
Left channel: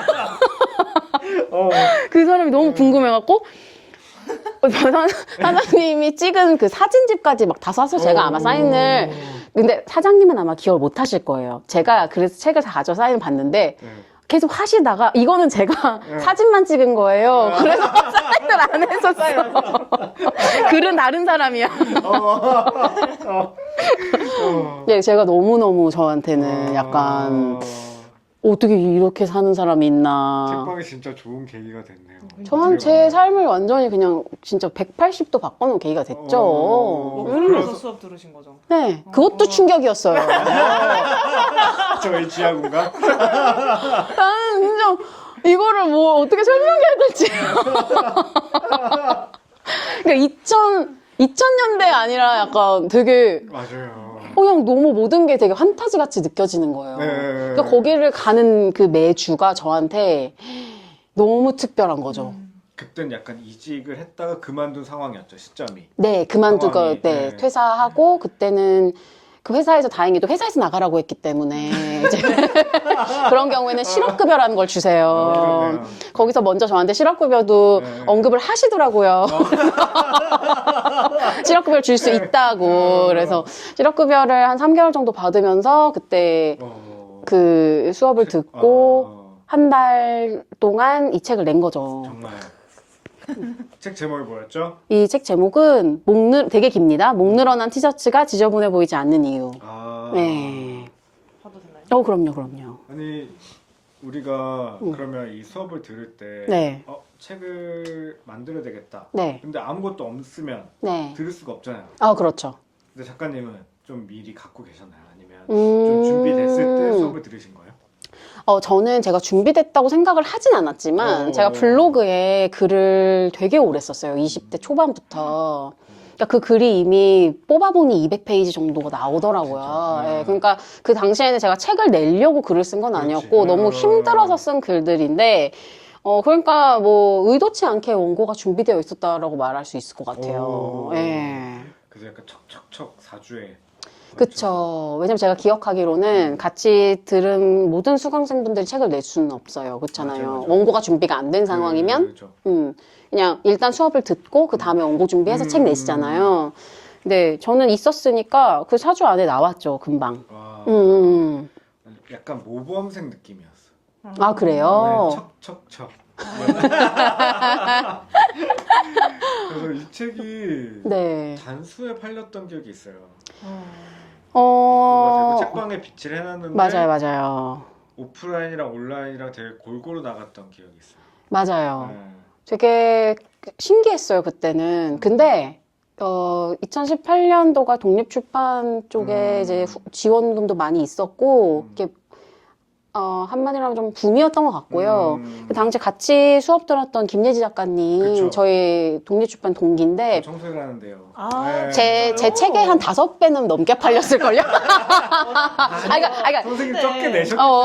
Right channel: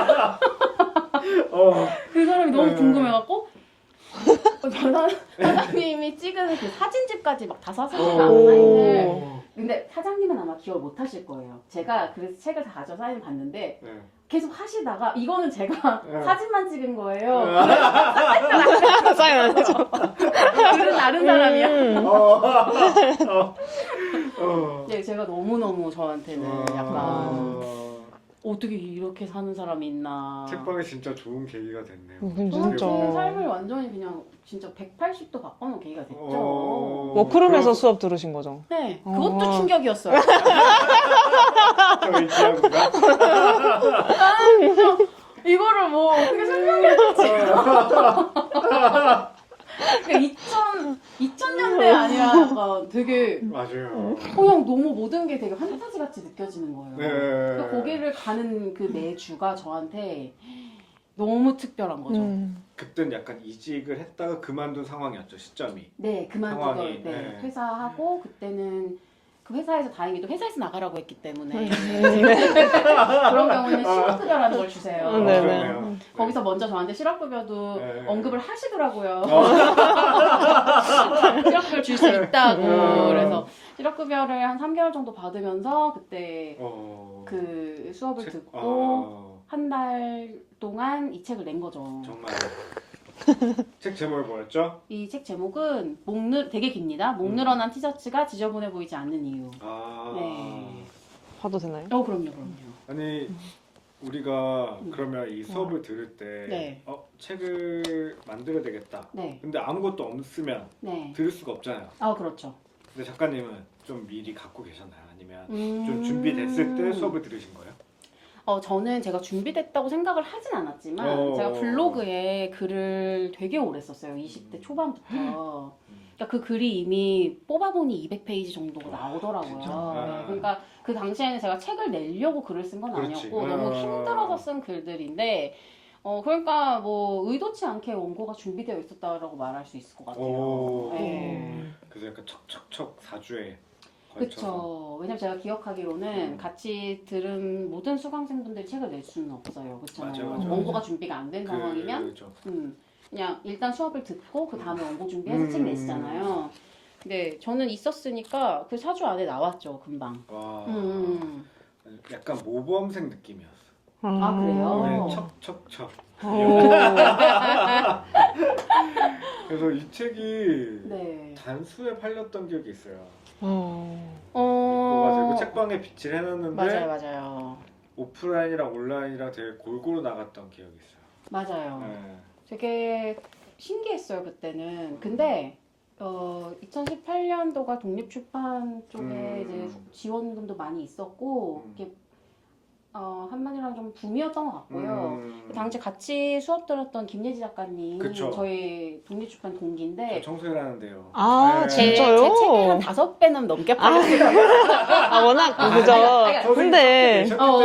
그 사람이 너무 궁금해갖고 사장님이 찍은 그 사진집까지 막 다 사서 제가 아마 사인을. 근데 사장님은 아마 기억을 못 하실 거예요. 제가 그래서 책을 다 가져 사인을 봤는데 계속 하시다가 이거는 제가 사진만 찍은 거예요. 그래서 사인을 안 해서 사인 안 해서. 글은 다른 사람이야. 네, 제가 너무너무 저한테는 약간 어떻게 이렇게 사는 사람이 있나. 책방이 진짜 좋은 계기가 됐네요. 저는 제 삶을 완전히 그냥 진짜 180도 바꿔놓은 계기가 됐죠. 워크룸에서 수업 들으신 거죠? 네, 그것도 충격이었어요. 저희 지하구가. 나는 진짜 이거를 뭐 어떻게 설명해야 될지. 그러니까 2000년대 아니라 약간 되게 맞아요. 그냥 너무 모든 게 되게 판타지 같이 느껴지는 거예요. 그러니까 거기를 가는 그 매주가 저한테 너무 특별한 거죠. 그땐 약간 이직을 했다가 그만둔 상황이었죠, 시점이. 네, 그만두고 상황이, 네, 퇴사하고 그때는 그 회사에서 다행히도 회사에서 나가라고 했기 때문에 이제 그런 경우에는 실업급여라는 걸 주세요. 그러네요. 거기서 먼저 저한테 실업급여도 언급을 하시더라고요. 실업급여를 줄 수 있다고. 그래서 실업급여를 한 3개월 정도 받으면서 그때 그 수업을 듣고 한 달 동안 이 책을 낸 거죠. 정말. 책 제목이 뭐였죠? 이 책 제목은 되게 깁니다. 목 늘어난 티셔츠가 지저분해 보이지 않는 이유. 네. 봐도 되나요? 그럼요. 아니 우리가 그러면 이 수업을 들을 때 네. 책을 만들어야 되겠다. 네. 근데 아무것도 없으면 네. 들을 수가 없잖아요. 그렇죠. 근데 작가님은 좀 미리 갖고 계셨나요? 아니면 좀 준비됐을 때 수업을 들으신 거예요? 저는 제가 준비됐다고 생각을 하진 않았지만 제가 블로그에 글을 되게 오래 썼어요. 20대 초반부터. 그러니까 그 글이 이미 뽑아보니 200페이지 정도가 나오더라고요. 진짜? 예, 그러니까 그 당시에는 제가 책을 내려고 글을 쓴 건 그렇지. 아니었고 너무 힘들어서 쓴 글들인데 그러니까 뭐 의도치 않게 원고가 준비되어 있었다라고 말할 수 있을 것 같아요. 오. 예. 그래서 약간 척척척 사주에 그쵸. 왜냐면 제가 기억하기로는 같이 들은 모든 수강생분들이 책을 낼 수는 없어요. 그렇잖아요. 맞아요, 맞아요. 원고가 준비가 안 된 상황이면 그렇죠. 그냥 일단 수업을 듣고 그 다음에 원고 준비해서 책 내시잖아요. 근데 저는 있었으니까 그 사주 안에 나왔죠, 금방. 와, 약간 모범생 느낌이었어. 아, 그래요? 네, 척척척. 그래서 이 책이 네. 단수에 팔렸던 기억이 있어요. 어, 그래가지고 책방에 비치를 해놨는데 맞아요, 맞아요. 오프라인이랑 온라인이랑 되게 골고루 나갔던 기억이 있어요. 맞아요. 네. 되게 신기했어요, 그때는. 근데 2018년도가 독립출판 쪽에 이제 지원금도 많이 있었고 이렇게 한마디로 하면 좀 붐이었던 것 같고요. 그 당시 같이 수업 들었던 김예지 작가님, 그쵸. 저희 독립출판 동기인데 청소를 하는데요. 아, 제 진짜요? 책에 한 5배는 넘게 팔렸을걸요? 워낙 그죠. 그러니까 선생님 근데- 적게 내셨기 어,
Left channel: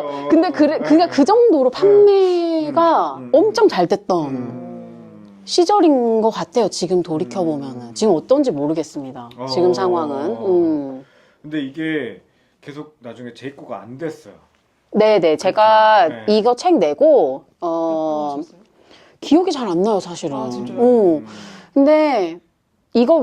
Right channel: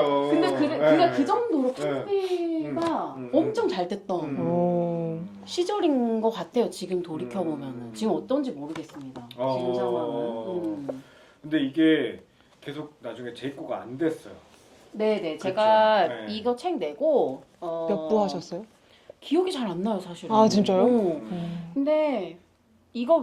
때문에요. 근데 그러니까 그 정도로 판매가 음. 엄청 잘 됐던 음. 시절인 것 같아요. 지금 돌이켜보면은. 지금 어떤지 모르겠습니다. 지금 상황은. 근데 이게 계속 나중에 재입고가 안 됐어요. 네네. 제가 네. 이거 책 내고, 몇 부 하셨어요? 기억이 잘 안 나요, 사실은. 아, 진짜요? 근데 이거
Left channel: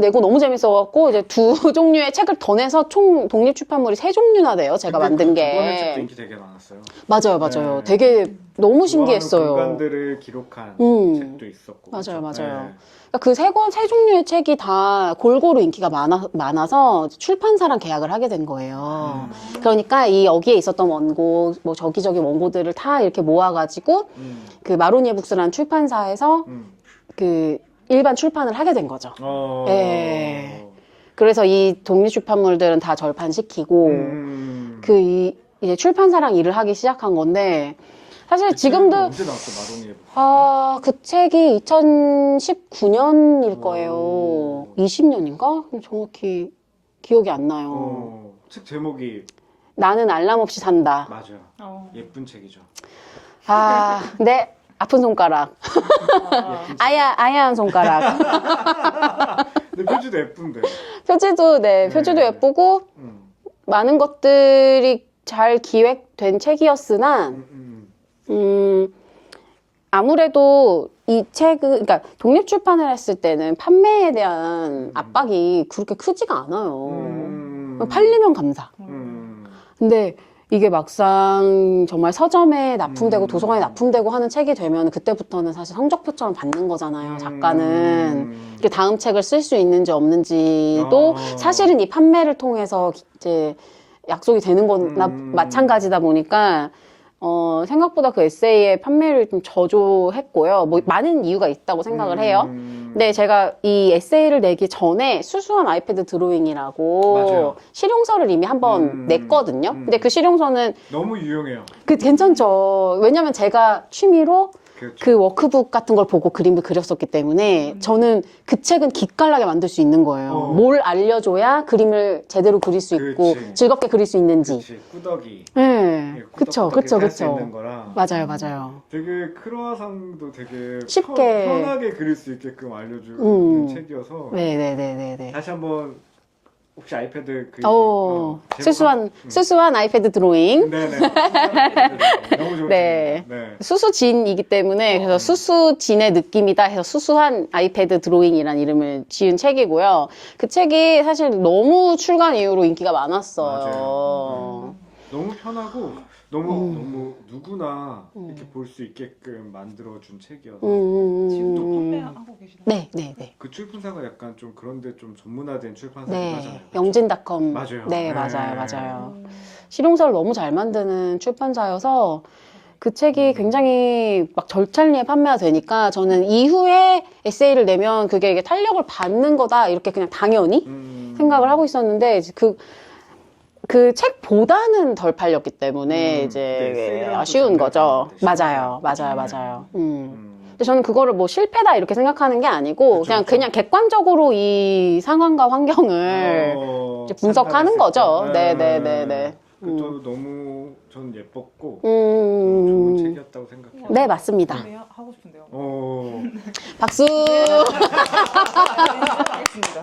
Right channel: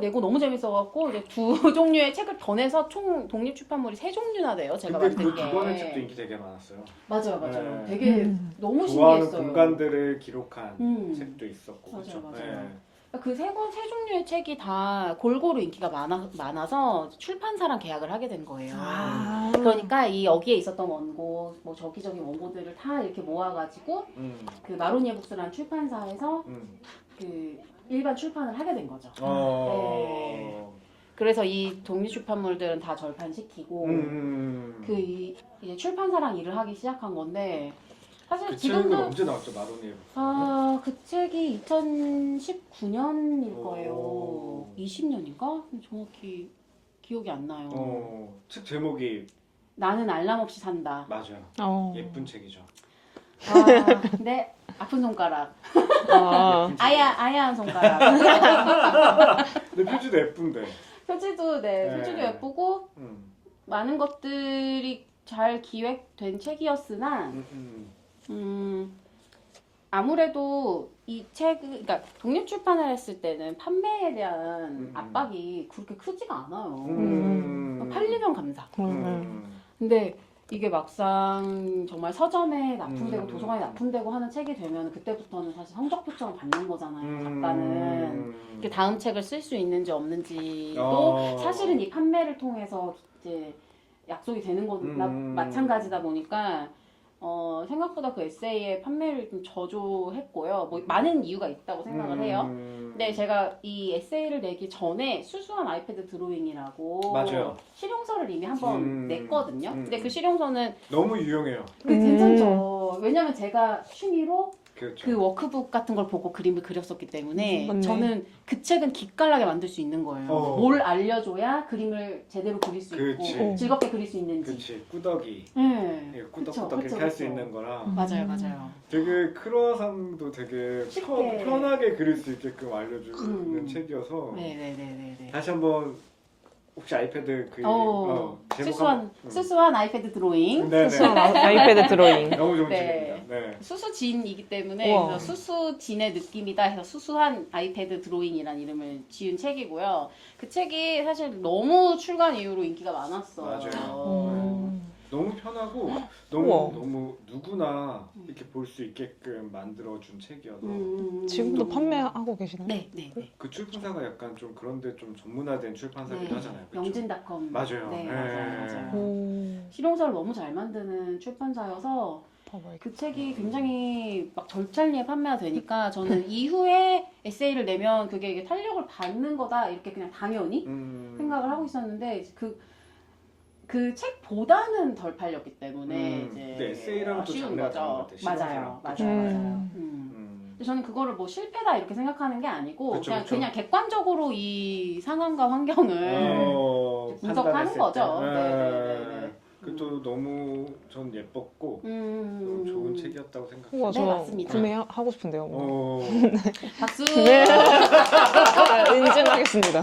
내고 너무 재밌어갖고 이제 2 종류의 책을 더 내서 총 독립출판물이 3 종류나 돼요. 제가 만든 그거는 책도 게. 인기 되게 많았어요. 맞아요, 맞아요. 네. 되게 너무 신기했어요. 공간들을 기록한 책도 있었고. 맞아요, 그렇죠? 맞아요. 네. 그 세 종류의 책이 다 골고루 인기가 많아서 출판사랑 계약을 하게 된 거예요. 그러니까 여기에 있었던 원고, 뭐 저기저기 원고들을 다 이렇게 모아가지고 그 마로니에북스라는 출판사에서 그 일반 출판을 하게 된 거죠. 예. 그래서 이 독립출판물들은 다 절판시키고 이제 출판사랑 일을 하기 시작한 건데 사실 지금도 언제 나왔죠, 마로니에? 그 책이 2019년일 거예요. 20년인가? 정확히 기억이 안 나요. 책 제목이 나는 알람 없이 산다. 맞아요. 예쁜 책이죠. 네. 아픈 손가락. 아야한 손가락. 근데 표지도 예쁜데. 표지도 네. 예쁘고, 많은 것들이 잘 기획된 책이었으나, 아무래도 이 책은, 그러니까 독립출판을 했을 때는 판매에 대한 압박이 그렇게 크지가 않아요. 팔리면 감사. 근데 이게 막상 정말 서점에 납품되고 도서관에 납품되고 하는 책이 되면 그때부터는 사실 성적표처럼 받는 거잖아요. 작가는. 이게 다음 책을 쓸 수 있는지 없는지도 사실은 이 판매를 통해서 이제 약속이 되는 거나 마찬가지다 보니까 생각보다 그 에세이의 판매를 좀 저조했고요. 뭐 많은 이유가 있다고 생각을 해요. 근데 제가 이 에세이를 내기 전에 수수한 아이패드 드로잉이라고 맞아요. 실용서를 이미 한번 냈거든요. 근데 그 실용서는 너무 유용해요. 괜찮죠. 왜냐면 제가 취미로 그렇죠. 그 워크북 같은 걸 보고 그림을 그렸었기 때문에 저는 그 책은 기깔나게 만들 수 있는 거예요. 뭘 알려줘야 그림을 제대로 그릴 수 있고 그렇지. 즐겁게 그릴 수 있는지. 그치, 꾸덕이. 네, 그쵸. 할수 있는 거라. 맞아요. 되게 크루아상도 되게 쉽게. 편하게 그릴 수 있게끔 알려주는 책이어서 네네네네. 다시 한번 혹시 아이패드 수수한 아이패드 드로잉. 네네. 아이패드 드로잉. 너무 좋은 네. 책입니다. 네. 수수진이기 때문에 그래서 수수진의 느낌이다 해서 수수한 아이패드 드로잉이라는 이름을 지은 책이고요. 그 책이 사실 너무 출간 이후로 인기가 많았어요. 맞아요. 너무 편하고 너무 누구나 이렇게 볼 수 있게끔 만들어준 책이어서 지금도 판매하고 계시나요? 네. 그 출판사가 약간 좀 그런데 좀 전문화된 출판사긴 하잖아요. 그쵸? 영진닷컴. 맞아요. 네, 네. 맞아요. 실용서를 너무 잘 만드는 출판사여서 그 책이 굉장히 막 절찬리에 판매가 되니까 저는 이후에 에세이를 내면 그게 이게 탄력을 받는 거다 이렇게 그냥 당연히 생각을 하고 있었는데 그 책보다는 덜 팔렸기 때문에 이제 네, 세일은 또 아쉬운 장난 거죠. 아닌데, 맞아요. 근데 저는 그거를 뭐 실패다 이렇게 생각하는 게 아니고 그쵸, 그냥 객관적으로 이 상황과 환경을 이제 분석하는 거죠. 네네네네. 또 너무 전 예뻤고 음. 좋은 책이었다고 생각해요. 우와, 네, 저 맞습니다. 구매하고 싶은데요. 박수. 인증하겠습니다.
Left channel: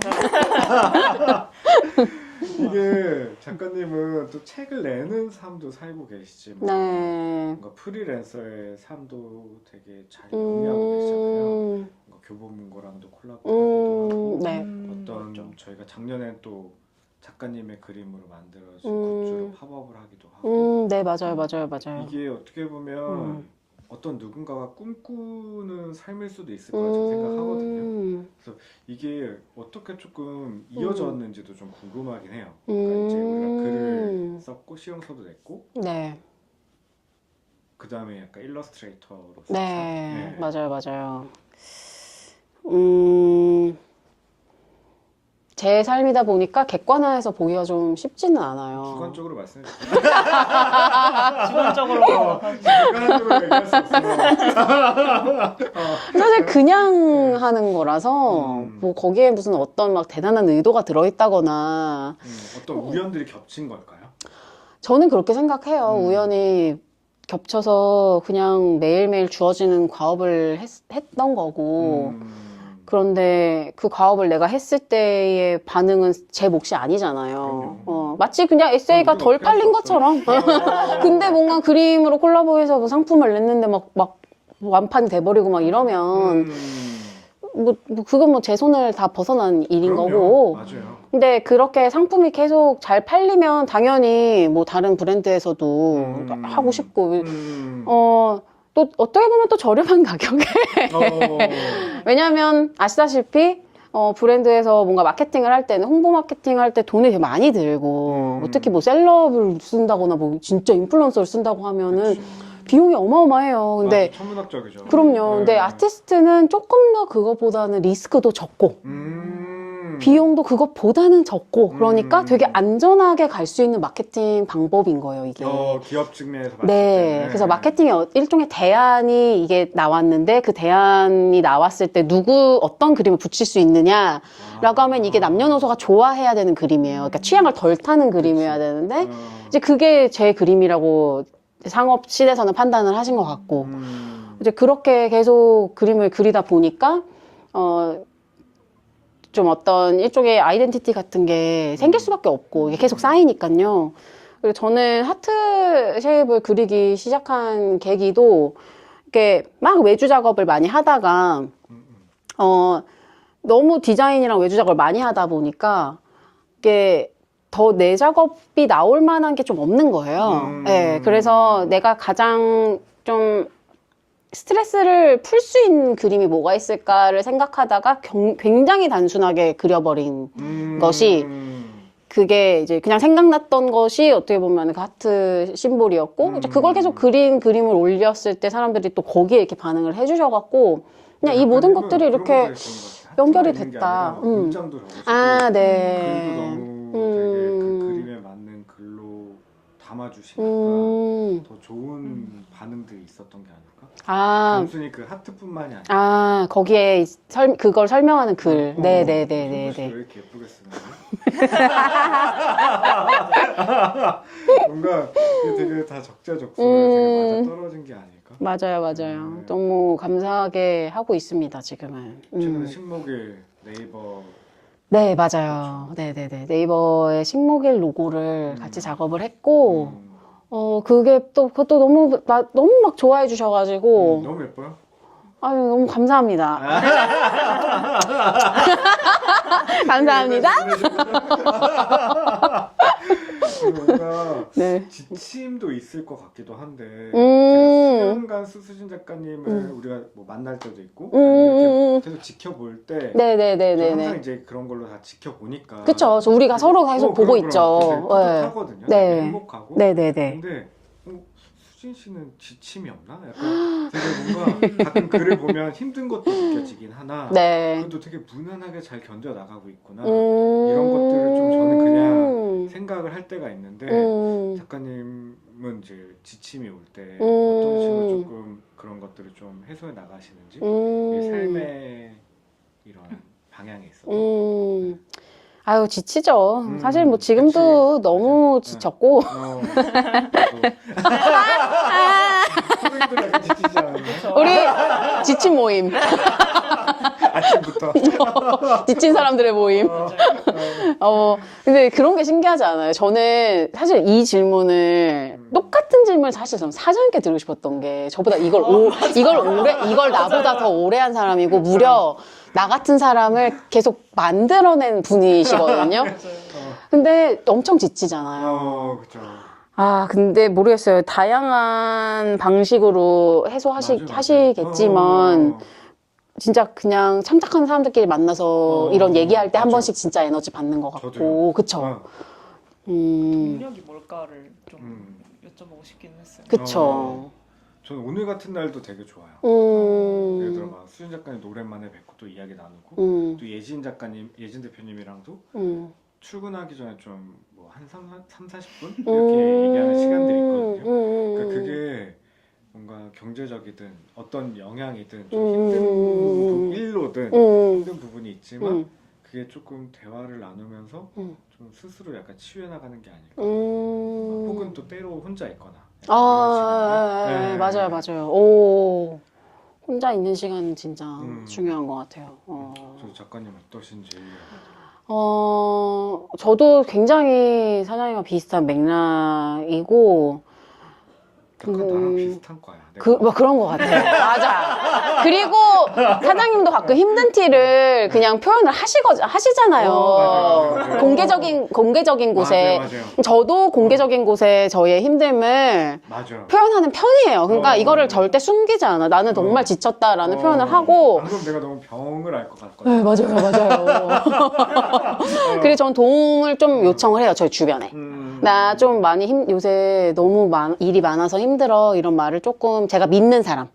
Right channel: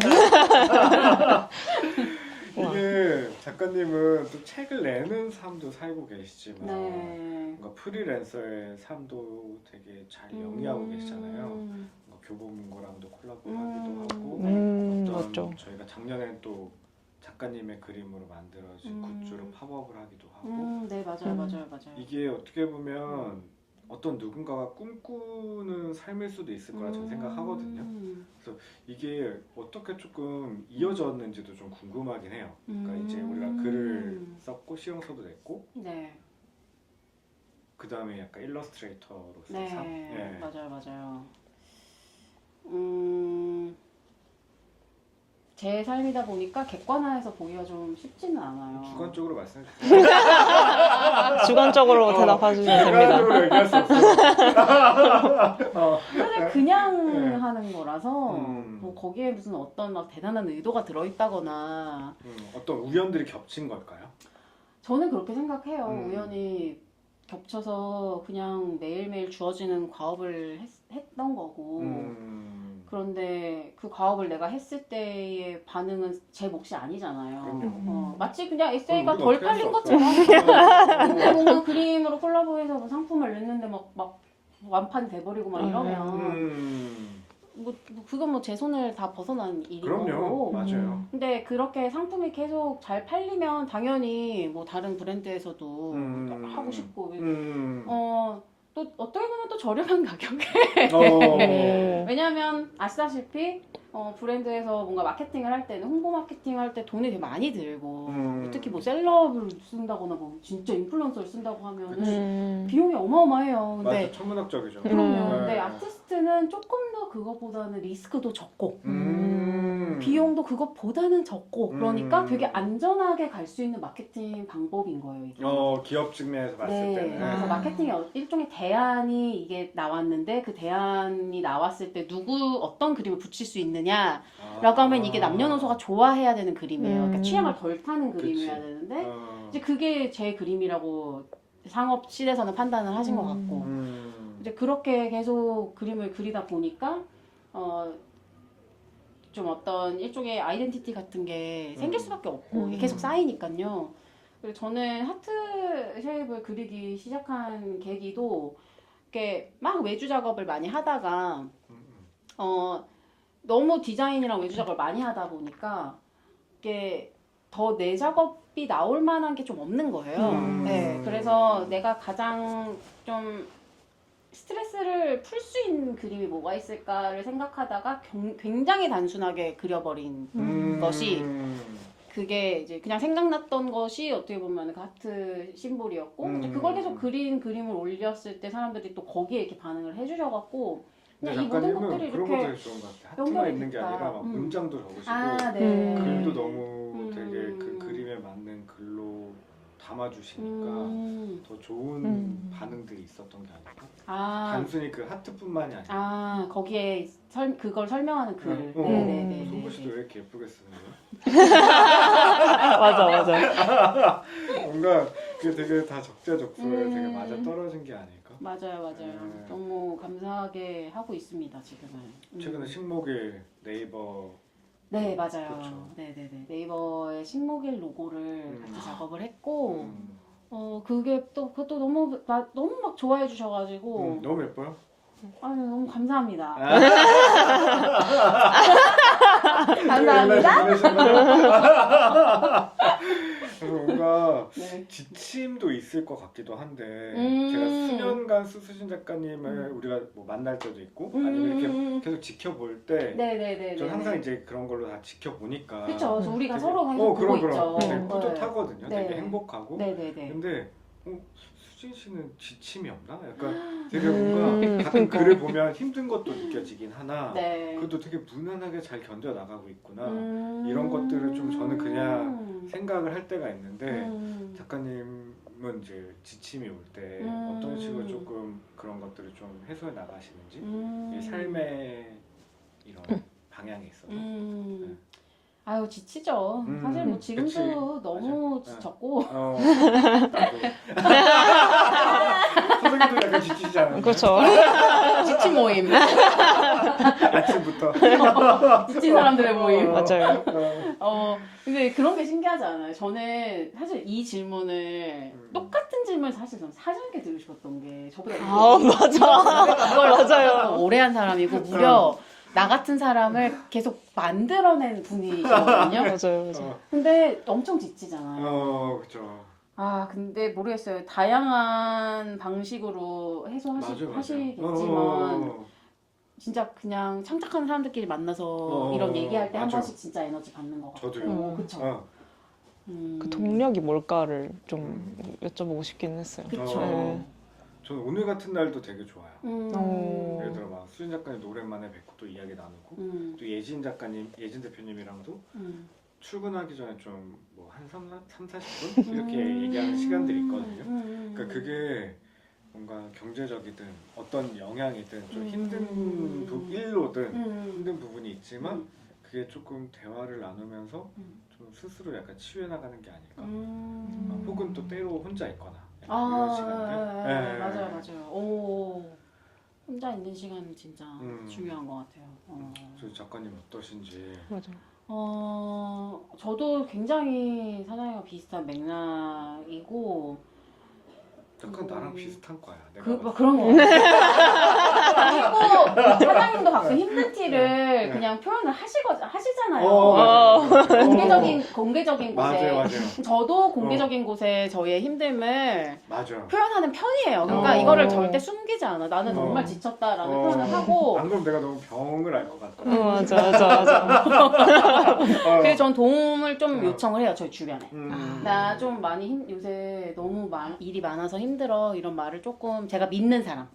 이게 작가님은 또 책을 내는 삶도 살고 계시지만 네. 뭔가 프리랜서의 삶도 되게 잘 영위하고 계시잖아요. 뭔가 교보문고랑도 콜라보하기도 하고 네. 어떤 맞죠. 저희가 작년에 또 작가님의 그림으로 만들어진 굿즈로 팝업을 하기도 하고 네, 맞아요. 이게 어떻게 보면 어떤 누군가가 꿈꾸는 삶일 수도 있을 거라 저는 생각하거든요. 그래서 이게 어떻게 조금 이어졌는지도 좀 궁금하긴 해요. 그러니까 이제 우리가 글을 썼고 시용서도 냈고 네. 그 다음에 약간 일러스트레이터로서 네. 맞아요. 제 삶이다 보니까 객관화해서 보기가 좀 쉽지는 않아요. 주관적으로 말씀해 주세요. 주관적으로 대답해주시면 됩니다. 주관적으로 얘기할 수 없어요. 사실 그냥 하는 거라서 뭐 거기에 무슨 어떤 막 대단한 의도가 들어있다거나 어떤 우연들이 겹친 걸까요? 저는 그렇게 생각해요. 우연히 겹쳐서 그냥 매일매일 주어지는 과업을 했던 거고 그런데 그 과업을 내가 했을 때의 반응은 제 몫이 아니잖아요. 마치 그냥 에세이가 덜 깔린 것처럼. 근데 뭔가 그림으로 콜라보해서 뭐 상품을 냈는데 막 완판이 돼버리고 막 이러면 뭐 그건 뭐 제 손을 다 벗어난 일인 그럼요. 거고. 맞아요. 근데 그렇게 상품이 계속 잘 팔리면 당연히 뭐 다른 브랜드에서도 하고 싶고 또 어떻게 보면 또 저렴한 가격에 왜냐면 아시다시피 브랜드에서 뭔가 마케팅을 할 때는 홍보 마케팅 할 때 돈이 되게 많이 들고 특히 뭐 셀럽을 쓴다거나 뭐 진짜 인플루언서를 쓴다고 하면은 비용이 어마어마해요. 근데 맞아, 천문학적이죠. 그럼요. 근데 아티스트는 조금 더 그것보다는 리스크도 적고 비용도 그것보다는 적고 그러니까 되게 안전하게 갈 수 있는 마케팅 방법인 거예요, 이게. 기업 측면에서 봤을 네. 때. 그래서 마케팅의 일종의 대안이 이게 나왔는데 그 대안이 나왔을 때 어떤 그림을 붙일 수 있느냐라고 하면 이게 남녀노소가 좋아해야 되는 그림이에요. 그러니까 취향을 덜 타는 그림이어야 되는데 이제 그게 제 그림이라고 상업실에서는 판단을 하신 것 같고 이제 그렇게 계속 그림을 그리다 보니까 좀 어떤 일종의 아이덴티티 같은 게 생길 수밖에 없고 이게 계속 쌓이니까요. 그리고 저는 하트 쉐입을 그리기 시작한 계기도 이렇게 막 외주 작업을 많이 하다가 너무 디자인이랑 외주 작업을 많이 하다 보니까 이게 더 내 작업이 나올 만한 게 좀 없는 거예요. 네, 그래서 내가 가장 좀 스트레스를 풀 수 있는 그림이 뭐가 있을까를 생각하다가 굉장히 단순하게 그려버린 것이 그게 이제 그냥 생각났던 것이 어떻게 보면 그 하트 심볼이었고 이제 그걸 계속 그림을 올렸을 때 사람들이 또 거기에 이렇게 반응을 해주셔갖고 그냥 이 모든 것들이 이렇게 연결이 됐다. 문장도 적으시고 아, 네. 글도 너무 되게 그 그림에 맞는 글로 담아주시니까 더 좋은 반응들이 있었던 게 아닐까? 단순히 그 하트뿐만이 아니라 거기에 그걸 설명하는 글. 네네네네. 왜 이렇게 예쁘게 쓰나요? 맞아. 뭔가 이게 되게 다 적재적소에 되게 맞아 떨어진 게 아닐까? 맞아요. 너무 감사하게 하고 있습니다, 지금은. 최근에 식목일 네이버 네, 맞아요. 네네네. 네이버의 식목일 로고를 같이 작업을 했고, 그것도 너무 막 좋아해 주셔가지고, 너무 예뻐요? 아유, 너무 감사합니다. 감사합니다. 뭔가 네. 지침도 있을 것 같기도 한데 제가 수년간 수수진 작가님을 우리가 뭐 만날 때도 있고 아니면 이렇게 계속 지켜볼 때 저는 항상 이제 그런 걸로 다 지켜보니까 그쵸. 우리가 서로 계속 보고 있죠. 뿌듯하거든요. 되게 행복하고 네네네. 근데 수진 씨는 지침이 없나? 약간 되게 뭔가 가끔 글을 보면 힘든 것도 느껴지긴 하나 그래도 되게 무난하게 잘 견뎌나가고 있구나 이런 것들을 좀 저는 그냥 생각을 할 때가 있는데 작가님은 요즘은 이제 지침이 올 때 어떤 식으로 조금 그런 것들을 좀 해소해 나가시는지 이 삶의 이런 방향에 있어서. 아유, 지치죠. 사실 뭐 지금도 그치. 너무 맞아. 지쳤고. 선생님도 약간 지치지 않아요? 그렇죠. 우리 지친 모임. 아침부터. 지친 사람들의 모임. 맞아요. 근데 그런 게 신기하지 않아요? 저는 사실 이 질문을, 똑같은 질문을 사실 저는 사전께 들고 싶었던 게, 저보다 이걸 나보다 더 오래 한 사람이고, 무려 나 같은 사람을 계속 만들어낸 분이시거든요. 맞아요. 근데 엄청 지치잖아요. 그쵸. 근데 모르겠어요. 다양한 방식으로 하시겠지만, 진짜 그냥 참작하는 사람들끼리 만나서 이런 얘기할 때 한 맞아. 번씩 진짜 에너지 받는 것 같고, 저도요. 그쵸? 그 동력이 뭘까를 좀 여쭤보고 싶긴 했어요. 그쵸. 저는 오늘 같은 날도 되게 좋아요. 예를 들어 막 수진 작가님 오랜만에 뵙고 또 이야기 나누고 또 예진 작가님, 예진 대표님이랑도 출근하기 전에 좀 뭐 한 3-40분 이렇게 얘기하는 시간들이 있거든요. 그러니까 그게 뭔가 경제적이든 어떤 영향이든 좀 힘든 일로든 힘든 부분이 있지만 그게 조금 대화를 나누면서 좀 스스로 약간 치유해 나가는 게 아닐까. 혹은 또 때로 혼자 있거나. 네, 맞아요. 오, 혼자 있는 시간은 진짜 중요한 것 같아요. 저 작가님 어떠신지. 맞아요. 저도 굉장히 사장님과 비슷한 맥락이고, 나랑 비슷한 거야. 그런 것 같아요. 맞아. 그리고 사장님도 가끔 힘든 티를 그냥 표현을 하시잖아요. 공개적인 곳에. 맞아요. 저도 공개적인 곳에 저의 힘듦을 맞아. 표현하는 편이에요. 그러니까 이거를 절대 숨기지 않아. 나는 정말 지쳤다라는 표현을 하고. 방금 내가 너무 병을 알 것 같거든. 맞아. 그래서 저는 도움을 좀 요청을 해요. 저희 주변에. 나 좀 많이 요새 너무 일이 많아서 힘들어. 이런 말을 조금 제가 믿는 사람.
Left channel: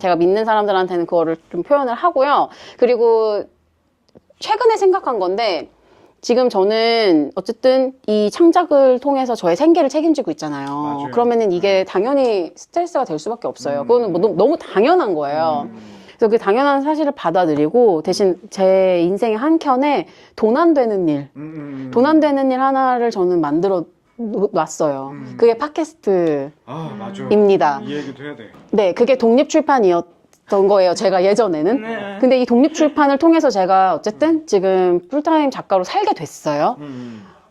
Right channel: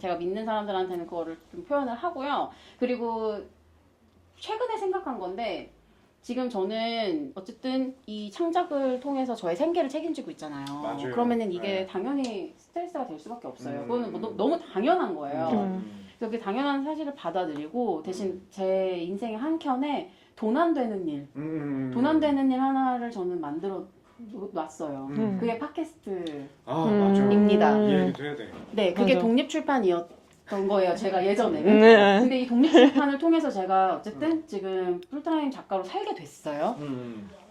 제가 믿는 사람들한테는 그거를 좀 표현을 하고요. 그리고 최근에 생각한 건데, 지금 저는 어쨌든 이 창작을 통해서 저의 생계를 책임지고 있잖아요. 맞아요. 그러면은 이게 당연히 스트레스가 될 수밖에 없어요. 그거는 뭐 너무 당연한 거예요. 그래서 그 당연한 사실을 받아들이고, 대신 제 인생의 한켠에 돈 안 되는 일, 돈 안 되는 일 하나를 저는 만들어 놨어요. 그게 팟캐스트입니다. 맞아. 이 얘기도 해야 돼. 네, 그게 독립출판이었던 거예요, 제가 예전에는. 네. 근데 이 독립출판을 통해서 제가 어쨌든 지금 풀타임 작가로 살게 됐어요.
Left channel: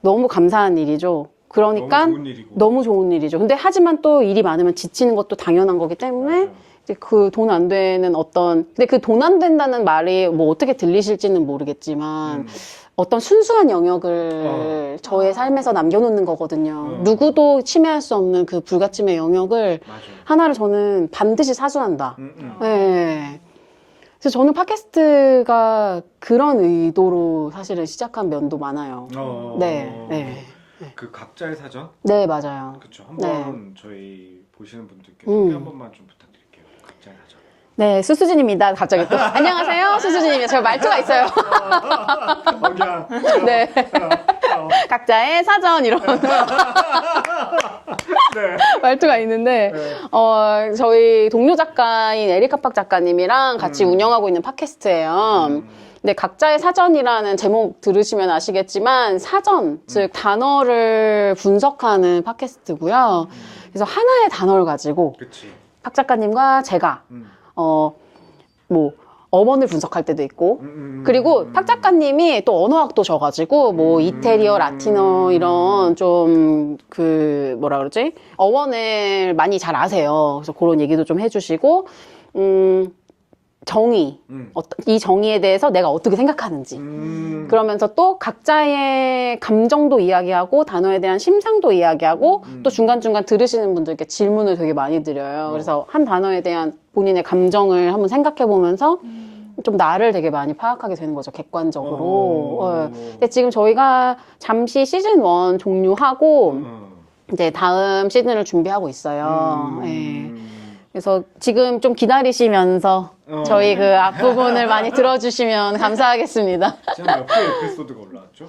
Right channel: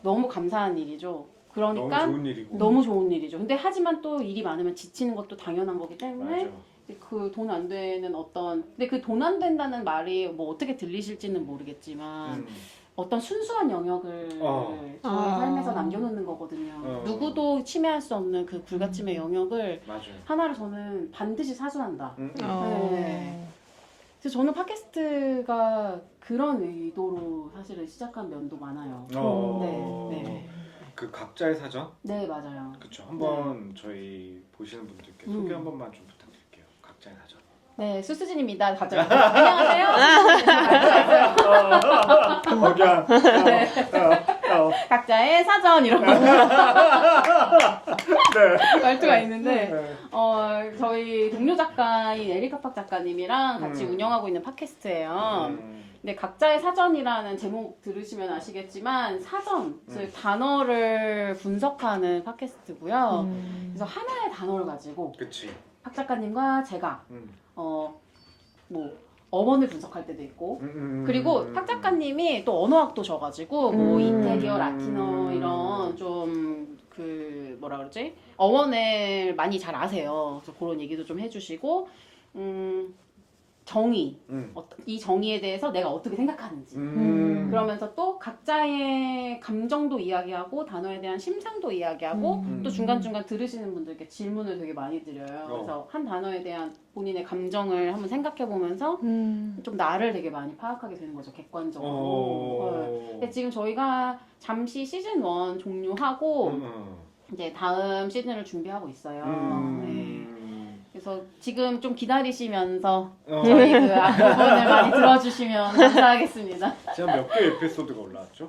너무 감사한 일이죠. 그러니까 너무 좋은 일이고. 너무 좋은 일이죠. 근데 하지만 또 일이 많으면 지치는 것도 당연한 거기 때문에 맞아. 그 돈 안 되는 근데 그 돈 안 된다는 말이 뭐 어떻게 들리실지는 모르겠지만 어떤 순수한 영역을 저의 삶에서 남겨놓는 거거든요. 누구도 침해할 수 없는 그 불가침의 영역을 맞아. 하나를 저는 반드시 사수한다. 네. 그래서 저는 팟캐스트가 그런 의도로 사실은 시작한 면도 많아요. 네. 그 각자의 사전? 네, 맞아요. 그쵸. 한번 저희 보시는 분들께 소개 한 번만 좀 부탁드릴게요. 각자의 사전. 네, 수수진입니다. 갑자기 또. 안녕하세요, 수수진이에요. 제가 말투가 있어요. 그냥 네. 각자의 사전 이런 말투가 있는데 저희 동료 작가인 에리카 팍 작가님이랑 같이 운영하고 있는 팟캐스트예요. 근데 각자의 사전이라는 제목 들으시면 아시겠지만 사전, 즉 단어를 분석하는 팟캐스트고요. 그래서 하나의 단어를 가지고 그치. 팍 작가님과 제가 뭐 어원을 분석할 때도 있고 그리고 팍 작가님이 또 언어학도 져가지고 뭐 이태리어, 라틴어 이런 좀 그 뭐라 그러지? 어원을 많이 잘 아세요. 그래서 그런 얘기도 좀 해주시고 정의, 이 정의에 대해서 내가 어떻게 생각하는지 그러면서 또 각자의 감정도 이야기하고 단어에 대한 심상도 이야기하고 또 중간중간 들으시는 분들께 질문을 되게 많이 드려요. 그래서 한 단어에 대한 본인의 감정을 한번 생각해 보면서 좀 나를 되게 많이 파악하게 되는 거죠, 객관적으로. 근데 지금 저희가 잠시 시즌 1 종료하고 이제 다음 시즌을 준비하고 있어요. 네. 그래서 지금 좀 기다리시면서 저희 그 앞부분을 많이 들어주시면 감사하겠습니다. 지금 몇 개 에피소드가 올라왔죠? 하셨죠?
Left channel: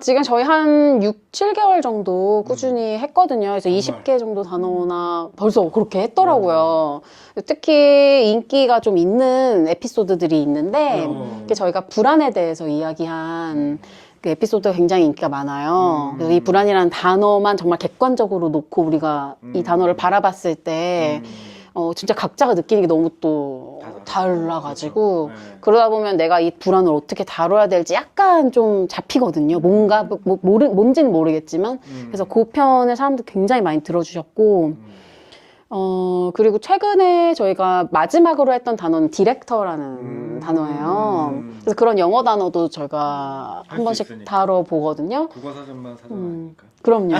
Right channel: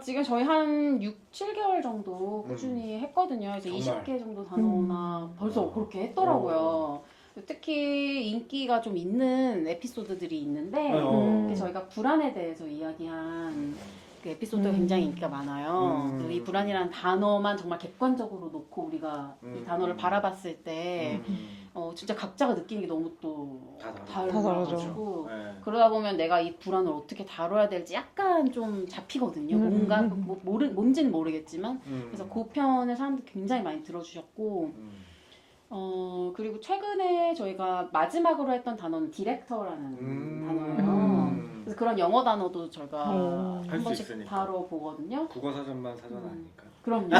지금 저희 한 6, 7개월 정도 꾸준히 했거든요. 그래서 정말? 20개 정도 단어나 벌써 그렇게 했더라고요. 특히 인기가 좀 있는 에피소드들이 있는데 그게 저희가 불안에 대해서 이야기한 그 에피소드가 굉장히 인기가 많아요. 그래서 이 불안이라는 단어만 정말 객관적으로 놓고 우리가 이 단어를 바라봤을 때 진짜 각자가 느끼는 게 너무 또 달라가지고 네. 그러다 보면 내가 이 불안을 어떻게 다뤄야 될지 약간 좀 잡히거든요. 뭔가 뭔지는 모르겠지만 그래서 그 편을 사람들 굉장히 많이 들어주셨고 그리고 최근에 저희가 마지막으로 했던 단어는 디렉터라는 단어예요. 그래서 그런 영어 단어도 저희가 할 한 수 번씩 있으니까. 다뤄보거든요. 국어사전만 사전 아니니까. 그럼요.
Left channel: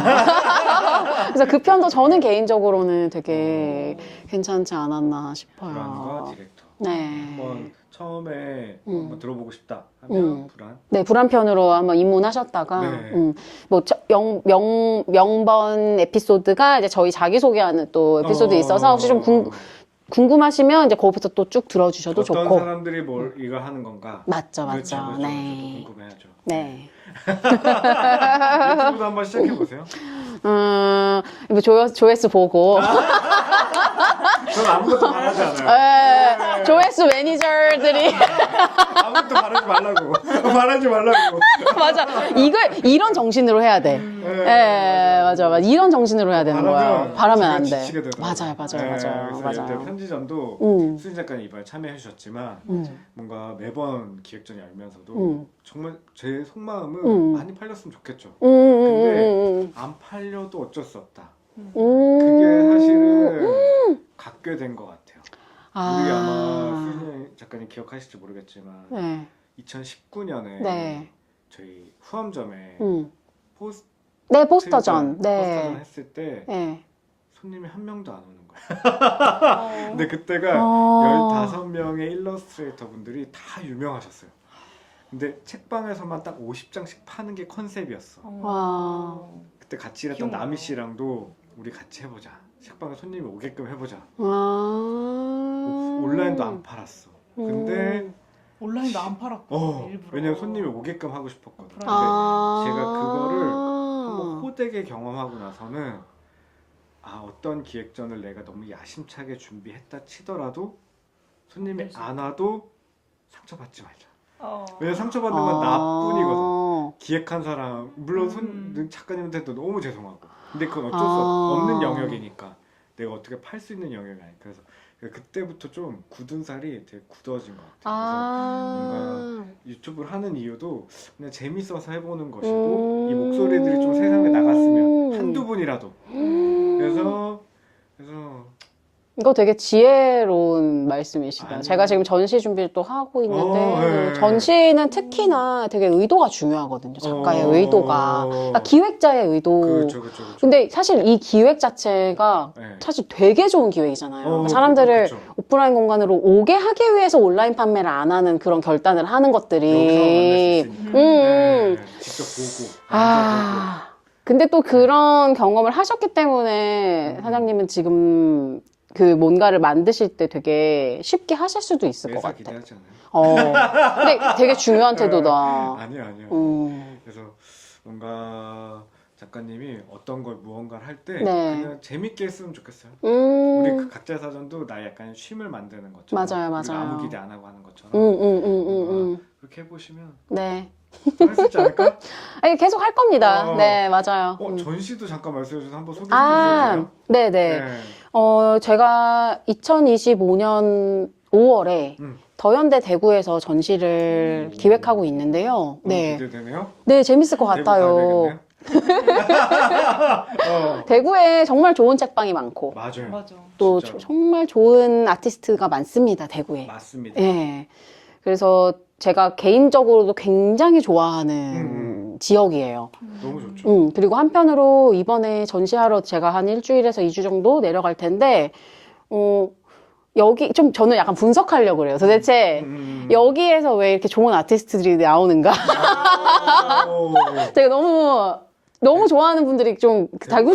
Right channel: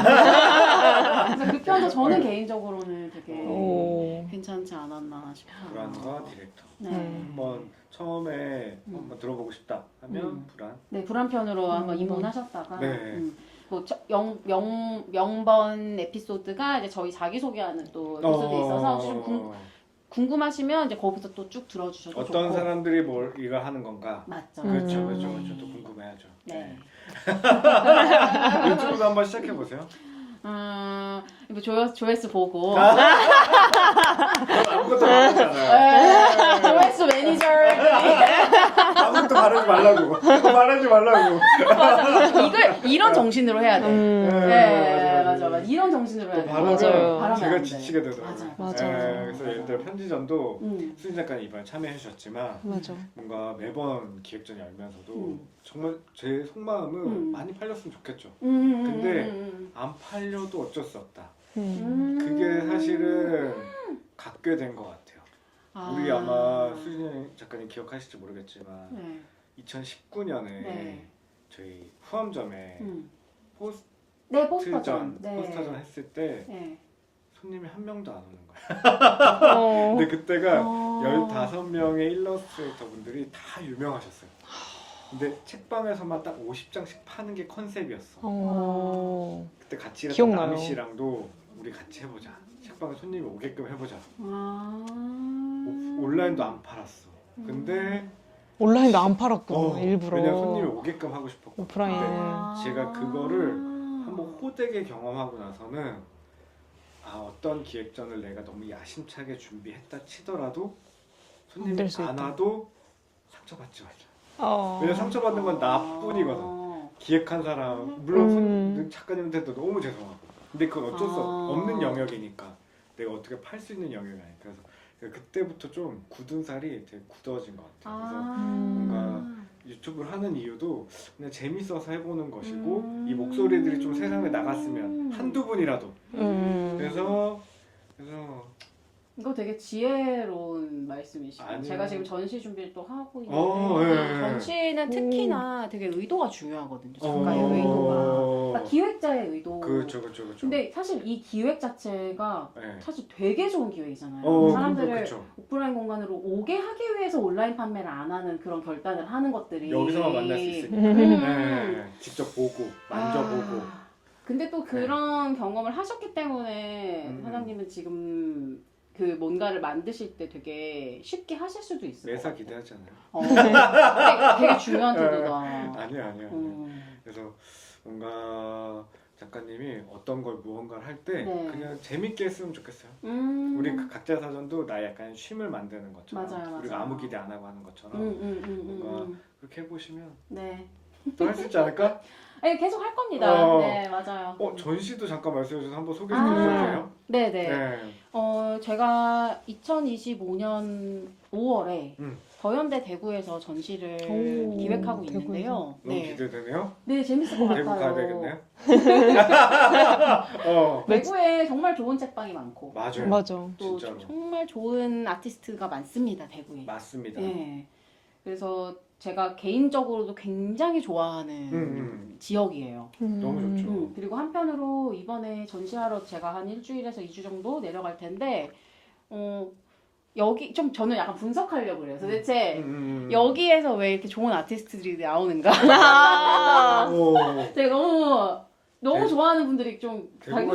그래서 그 편도 저는 개인적으로는 되게 괜찮지 않았나 싶어요. 불안과 디렉터. 네. 한번 처음에 한번 들어보고 싶다 하면 불안. 네, 불안편으로 한번 입문하셨다가, 네. 뭐, 명번 에피소드가 이제 저희 자기소개하는 또 에피소드 있어서 혹시 좀 궁금하시면 이제 거기부터 또 쭉 들어주셔도 어떤 좋고. 사람들이 뭘 이거 하는 건가? 맞죠, 그렇죠, 맞죠. 그렇죠. 네. 저도 궁금해하죠. 네. 유튜브도 한번 시작해 보세요. 뭐 조회수 보고. 전 아무것도 안 하지 않아요. 조회수 매니저들이. 아무것도 말하지 말라고. 말하지 말라고. 맞아. 이런 정신으로 해야 돼. 네, 맞아. 이런 정신으로 해야 되는 거지. 바라면 안 돼. 지치게 되더라고요. 맞아요. 그래서 예를 들어 편지전도 수진 작가님 이번에 참여해 주셨지만 맞아. 뭔가 매번 기획전 열면서도 정말 제 속마음은 많이 팔렸으면 좋겠죠. 안 팔려도 어쩔 수 없다. 그게 사실은 갖게 된 것 같아요. 우리 아마 수진 작가님 기억하실지 모르겠지만 네. 2019년에 네. 저희 후암점에 네, 포스터전. 포스터전 네. 했을 때 네. 손님이 한 명도 안 오는 거예요. 근데 그때가 15명의 일러스트레이터 분들이 다 유명하셨어요. 근데 책방에서만 딱 50장씩 파는 게 컨셉이었어. 그때 같이 일했던 기억나요. 나미 씨랑도 우리 같이 해보자. 책방에 손님이 오게끔 해보자. 아. 온라인도 안 팔았어. 근데 온라인도 안 팔았구나, 일부러. 왜냐면 손님이 오게끔 하고 싶었거든요. 오프라인. 제가 그거를 한번 호되게 경험하고 나서는 어떤 기획전을 내가 너무 야심차게 준비했다 치더라도 손님이 될수 안 있다. 와도 상처받지 말자. 왜냐면 상처받는 건 나뿐이거든. 기획한 사람 물론 작가님한테도 너무 죄송하고 근데 그건 어쩔 수 없는 영역이니까 내가 어떻게 팔 수 있는 영역이 아니야. 그래서 그때부터 좀 굳은 살이 되게 굳어진 것 같아요. 그래서 뭔가 유튜브를 하는 이유도 그냥 재밌어서 해보는 것이고 이 목소리들이 좀 세상에 나갔으면 한두 분이라도 그래서 이거 되게 지혜로운 말씀이시다. 아니요. 제가 지금 전시 준비를 또 하고 있는데 네. 전시는 특히나 되게 의도가 중요하거든요. 작가의 의도가. 그러니까 기획자의 의도. 그렇죠. 근데 사실 이 기획 자체가 네. 사실 되게 좋은 기획이잖아요. 사람들을 그렇죠. 오프라인 공간으로 오게 하기 위해서 온라인 판매를 안 하는 그런 결단을 하는 것들이. 여기서 만날 수 있으니까 직접 보고 근데 또 그런 경험을 하셨기 때문에 사장님은 지금 그 뭔가를 만드실 때 되게 쉽게 하실 수도 있을 것 매사 같아. 기대하지 않아요? 근데 되게 중요한 태도다. 아니요. 그래서 뭔가 작가님이 어떤 걸 무언가를 할 때 네. 그냥 재밌게 했으면 좋겠어요. 우리 음. 각자 사전도 나 약간 쉼을 만드는 것처럼 맞아요. 우리가 아무 기대 안 하고 하는 것처럼 뭔가 그렇게 해보시면 네. 할 수 있지 않을까? 아니, 계속 할 겁니다. 네, 맞아요. 전시도 잠깐 말씀해 주셔서 한번 소개해 주세요. 네네. 제가 2025년 5월에 더현대 대구에서 전시를 기획하고 있는데요. 네. 기대되네요. 네, 재밌을 것 같아요. 대구에 정말 좋은 책방이 많고 맞아요. 맞아. 또 진짜로. 정말 좋은 아티스트가 많습니다, 대구에. 맞습니다. 예. 그래서 제가 개인적으로도 굉장히 좋아하는 지역이에요. 너무 좋죠. 그리고 한편으로 이번에 전시하러 제가 한 일주일에서 2주 정도 내려갈 텐데, 여기 좀 저는 약간 분석하려고 그래요. 도대체 여기에서 왜 이렇게 좋은 아티스트들이 나오는가? 제가 너무 좋아하는 분들이 좀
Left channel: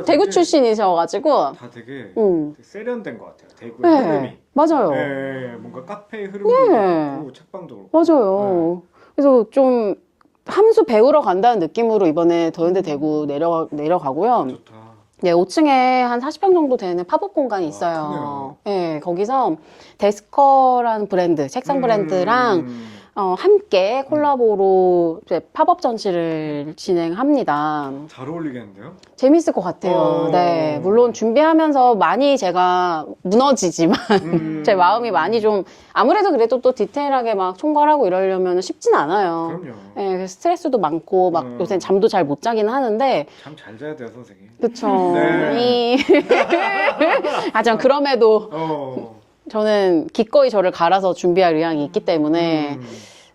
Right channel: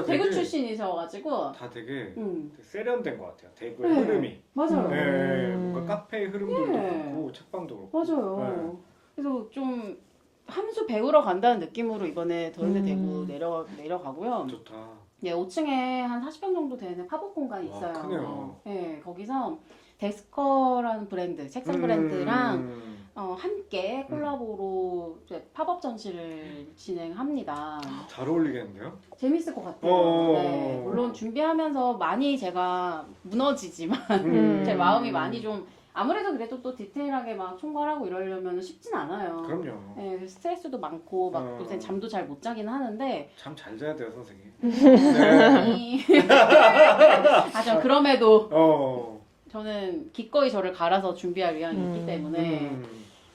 대구 출신이셔가지고. 다 되게 음. 세련된 것 같아요. 대구의 흐름이. 맞아요. 네, 뭔가 카페의 흐름도 있고 책방도 그렇고. 맞아요. 그래서 좀 함수 배우러 간다는 느낌으로 이번에 더현대 대구 내려가고요. 좋다. 네, 5층에 한 40평 정도 되는 팝업 공간이 와, 있어요. 네, 거기서 데스커라는 브랜드, 책상 브랜드랑 함께 콜라보로 이제 팝업 전시를 진행합니다. 잘 어울리겠는데요? 재밌을 것 같아요. 네, 물론 준비하면서 많이 제가 무너지지만 제 마음이 많이 좀 아무래도 그래도 또 디테일하게 막 총괄하고 이러려면 쉽진 않아요. 그럼요. 네, 그래서 스트레스도 많고 막 요새 잠도 잘 못 자긴 하는데 참 잘 자야 돼요, 선생님. 그쵸. 네. 하지만 그럼에도 어. 저는 기꺼이 저를 갈아서 준비할 의향이 있기 때문에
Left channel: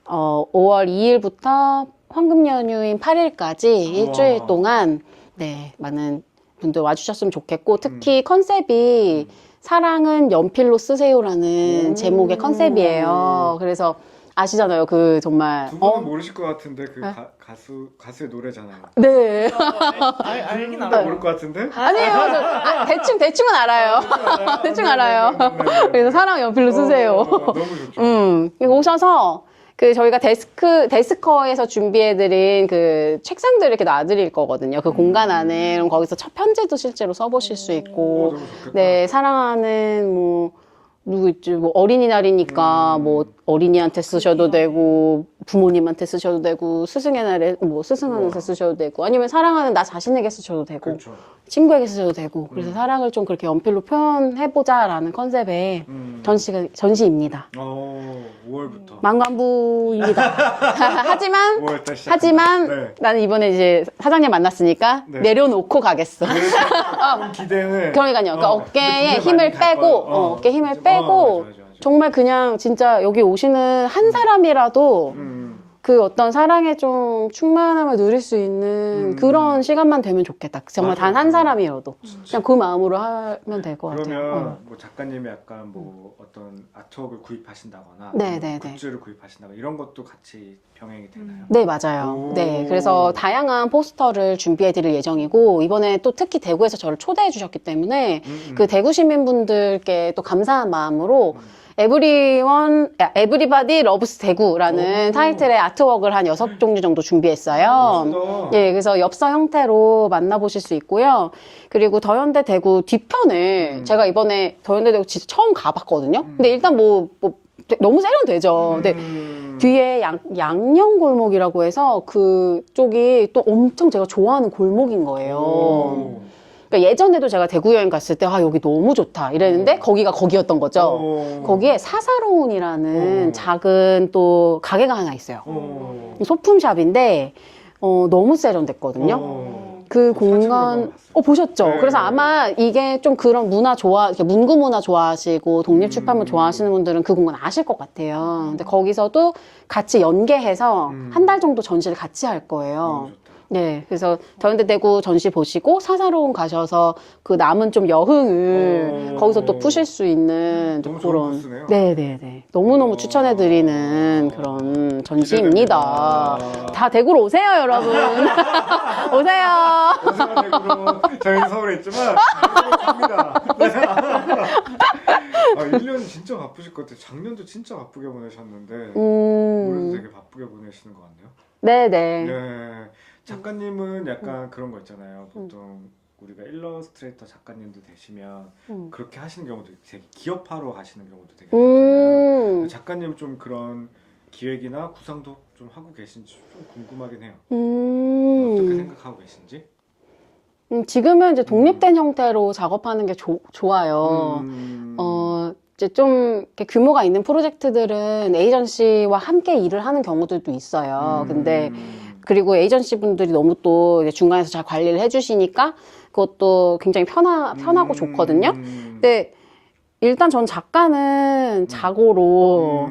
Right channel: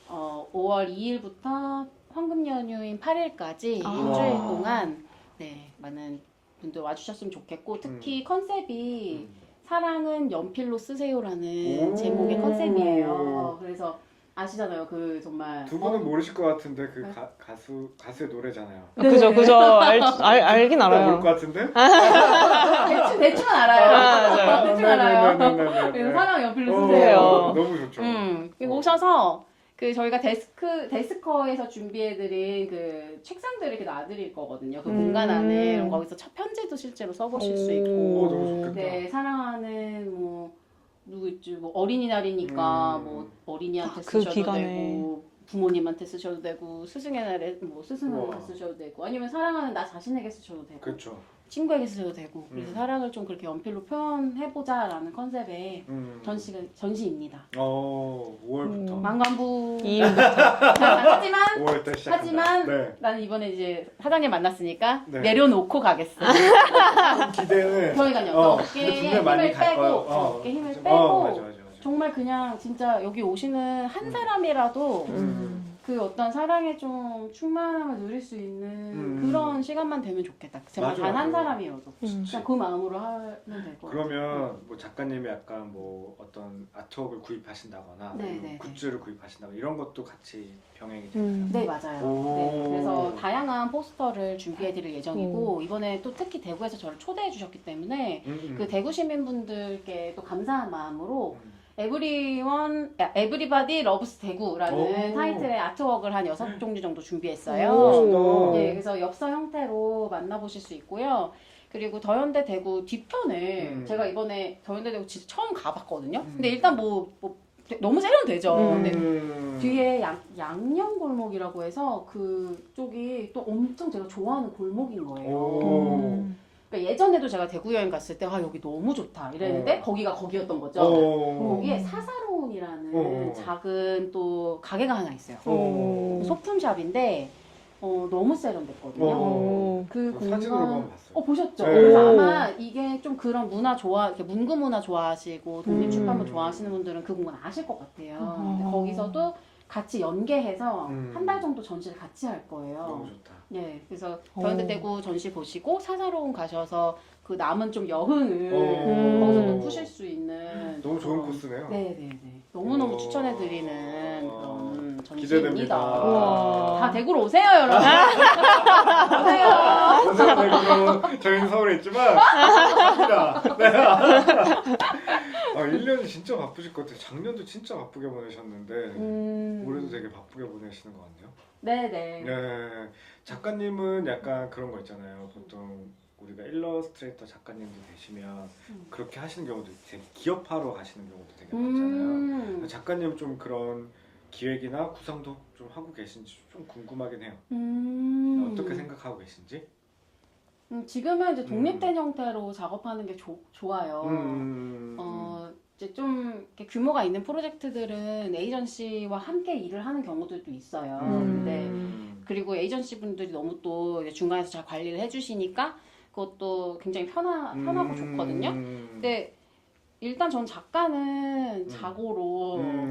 5월 2일부터 황금 연휴인 8일까지 일주일 동안 네, 많은 분들 와주셨으면 좋겠고 특히 컨셉이 사랑은 연필로 쓰세요라는 제목의 컨셉이에요. 그래서 아시잖아요. 그 정말 두 분은 모르실 것 같은데 그 가수의 노래잖아요. 네. 그죠. 알긴 다 알아요. 모를 것 같은데? 대충은 알아요. 대충 알아요. 네네네네네. 그래서 사랑 연필로 쓰세요. 너무 좋죠. 오셔서 그 저희가 데스커에서 준비해드린 그 책상들을 이렇게 놔드릴 거거든요. 그 공간 안에. 그럼 거기서 첫 편지도 실제로 써보실 수 있고, 너무 좋겠다. 네, 사랑하는 뭐, 누구 있지? 뭐 어린이날이니까 뭐 어린이한테 쓰셔도 기간에. 되고 부모님한테 쓰셔도 되고 스승의 날에 뭐 스승한테 쓰셔도 되고 아니면 사랑하는 나 자신에게 쓰셔도 되고 그렇죠. 친구에게 쓰셔도 되고 그래서 사랑을 좀 그렇게 연필로 표현해보자라는 컨셉의 전시입니다. 5월부터. 만관부입니다. 하지만 5월달 시작. 하지만 네. 나는 이번에 이제 사장님 만났으니까 네. 내려놓고 가겠어. 기대는. 그러니까요. 그러니까 어깨에 그때 힘을 많이 갈 빼고, 거예요. 어깨 힘을 빼고, 맞아. 정말 그냥 진짜 여기 오시는 한 사람이라도 그 어떤 사랑에 좀 충만함을 누릴 수 있는 그런 시간만 되면 좋겠다. 정말 맞아요. 단 한 사람이라도. 그냥 그 마음으로 하면 될 것 같아요. 그러면 뭐 작가님이 약간 뭐 어떤 아트웍을 구입하신다거나 네네네. 굿즈를 구입하신다거나 이런 것도 같이 병행이 되나요? 네, 맞아요. 오. 네, 그래서 다양한 포스터를 준비해 드릴 예정이고, 이번에 또 특히 대구에서 저를 초대해 주셨기 때문에, 그 대구 시민분들께 또 감사한 마음으로, 에브리바디 러브스 대구라는 오. 타이틀의 아트웍을 한 6종류 정도 준비했어요. 멋지다. 예, 그래서 엽서 형태로 만나보실 수 있고요. 그리고 더현대 대구 뒤편을 제가 이번에 더현대 대구 진짜 처음 가봤거든요. 근데 일단 너무 세련되죠. 근데 뒤에 양녕골목이라고 해서 그쪽이 또 엄청 제가 좋아하는 골목인 거예요. 그러니까 예전에도 제가 대구 여행 갔을 때 여기 너무 좋다 이랬는데 거기가 거기였던 거죠. 거기에 사사로운이라는 작은 또 가게가 하나 있어요. 소품샵인데 너무 세련됐거든요. 그 공간 보셨죠? 네. 그래서 아마 이게 좀 그런 이렇게 문구 문화 좋아하시고 독립출판물 좋아하시는 분들은 그 공간 아실 것 같아요. 근데 거기서도 같이 연계해서 한 달 정도 전시를 같이 할 거예요. 너무 좋다. 네, 그래서 더현대 대구 전시 보시고 사사로운 가셔서 그 남은 좀 여흥을 거기서 또 푸실 수 있는 너무 그런 좋은 코스네요. 네네네 너무너무 추천해드리는 그런 전시입니다. 기대됩니다. 다 대구로 오세요, 여러분. 오세요. 대구는 저희는 서울에 있지만 갑니다. 네. 1년이 진짜 바쁘실 것 같아요. 작년도 진짜 바쁘게 보내셨는데 올해도 되게 바쁘게 보내시는 것 같네요. 네네. 네. 작가님은 약간 그런 거 있잖아요. 보통 우리가 일러스트레이터 작가님도 되시면 그렇게 하시는 경우도 되게 기업화로 가시는 경우도 되게 많잖아요. 작가님 좀 그런 기획이나 구상도 좀 하고 계신지 좀 궁금하긴 해요. 어떻게 생각하고 계신지? 지금은 이제 독립된 형태로 작업하는 게 좋아요. 이제 좀 이렇게 규모가 있는 프로젝트들은 에이전시와 함께 일을 하는 경우들도 있어요. 근데 그리고 에이전시 분들이 너무 또 이제 중간에서 잘 관리를 해주시니까 그것도 굉장히 편하고 좋거든요. 근데 일단 전 작가는 자고로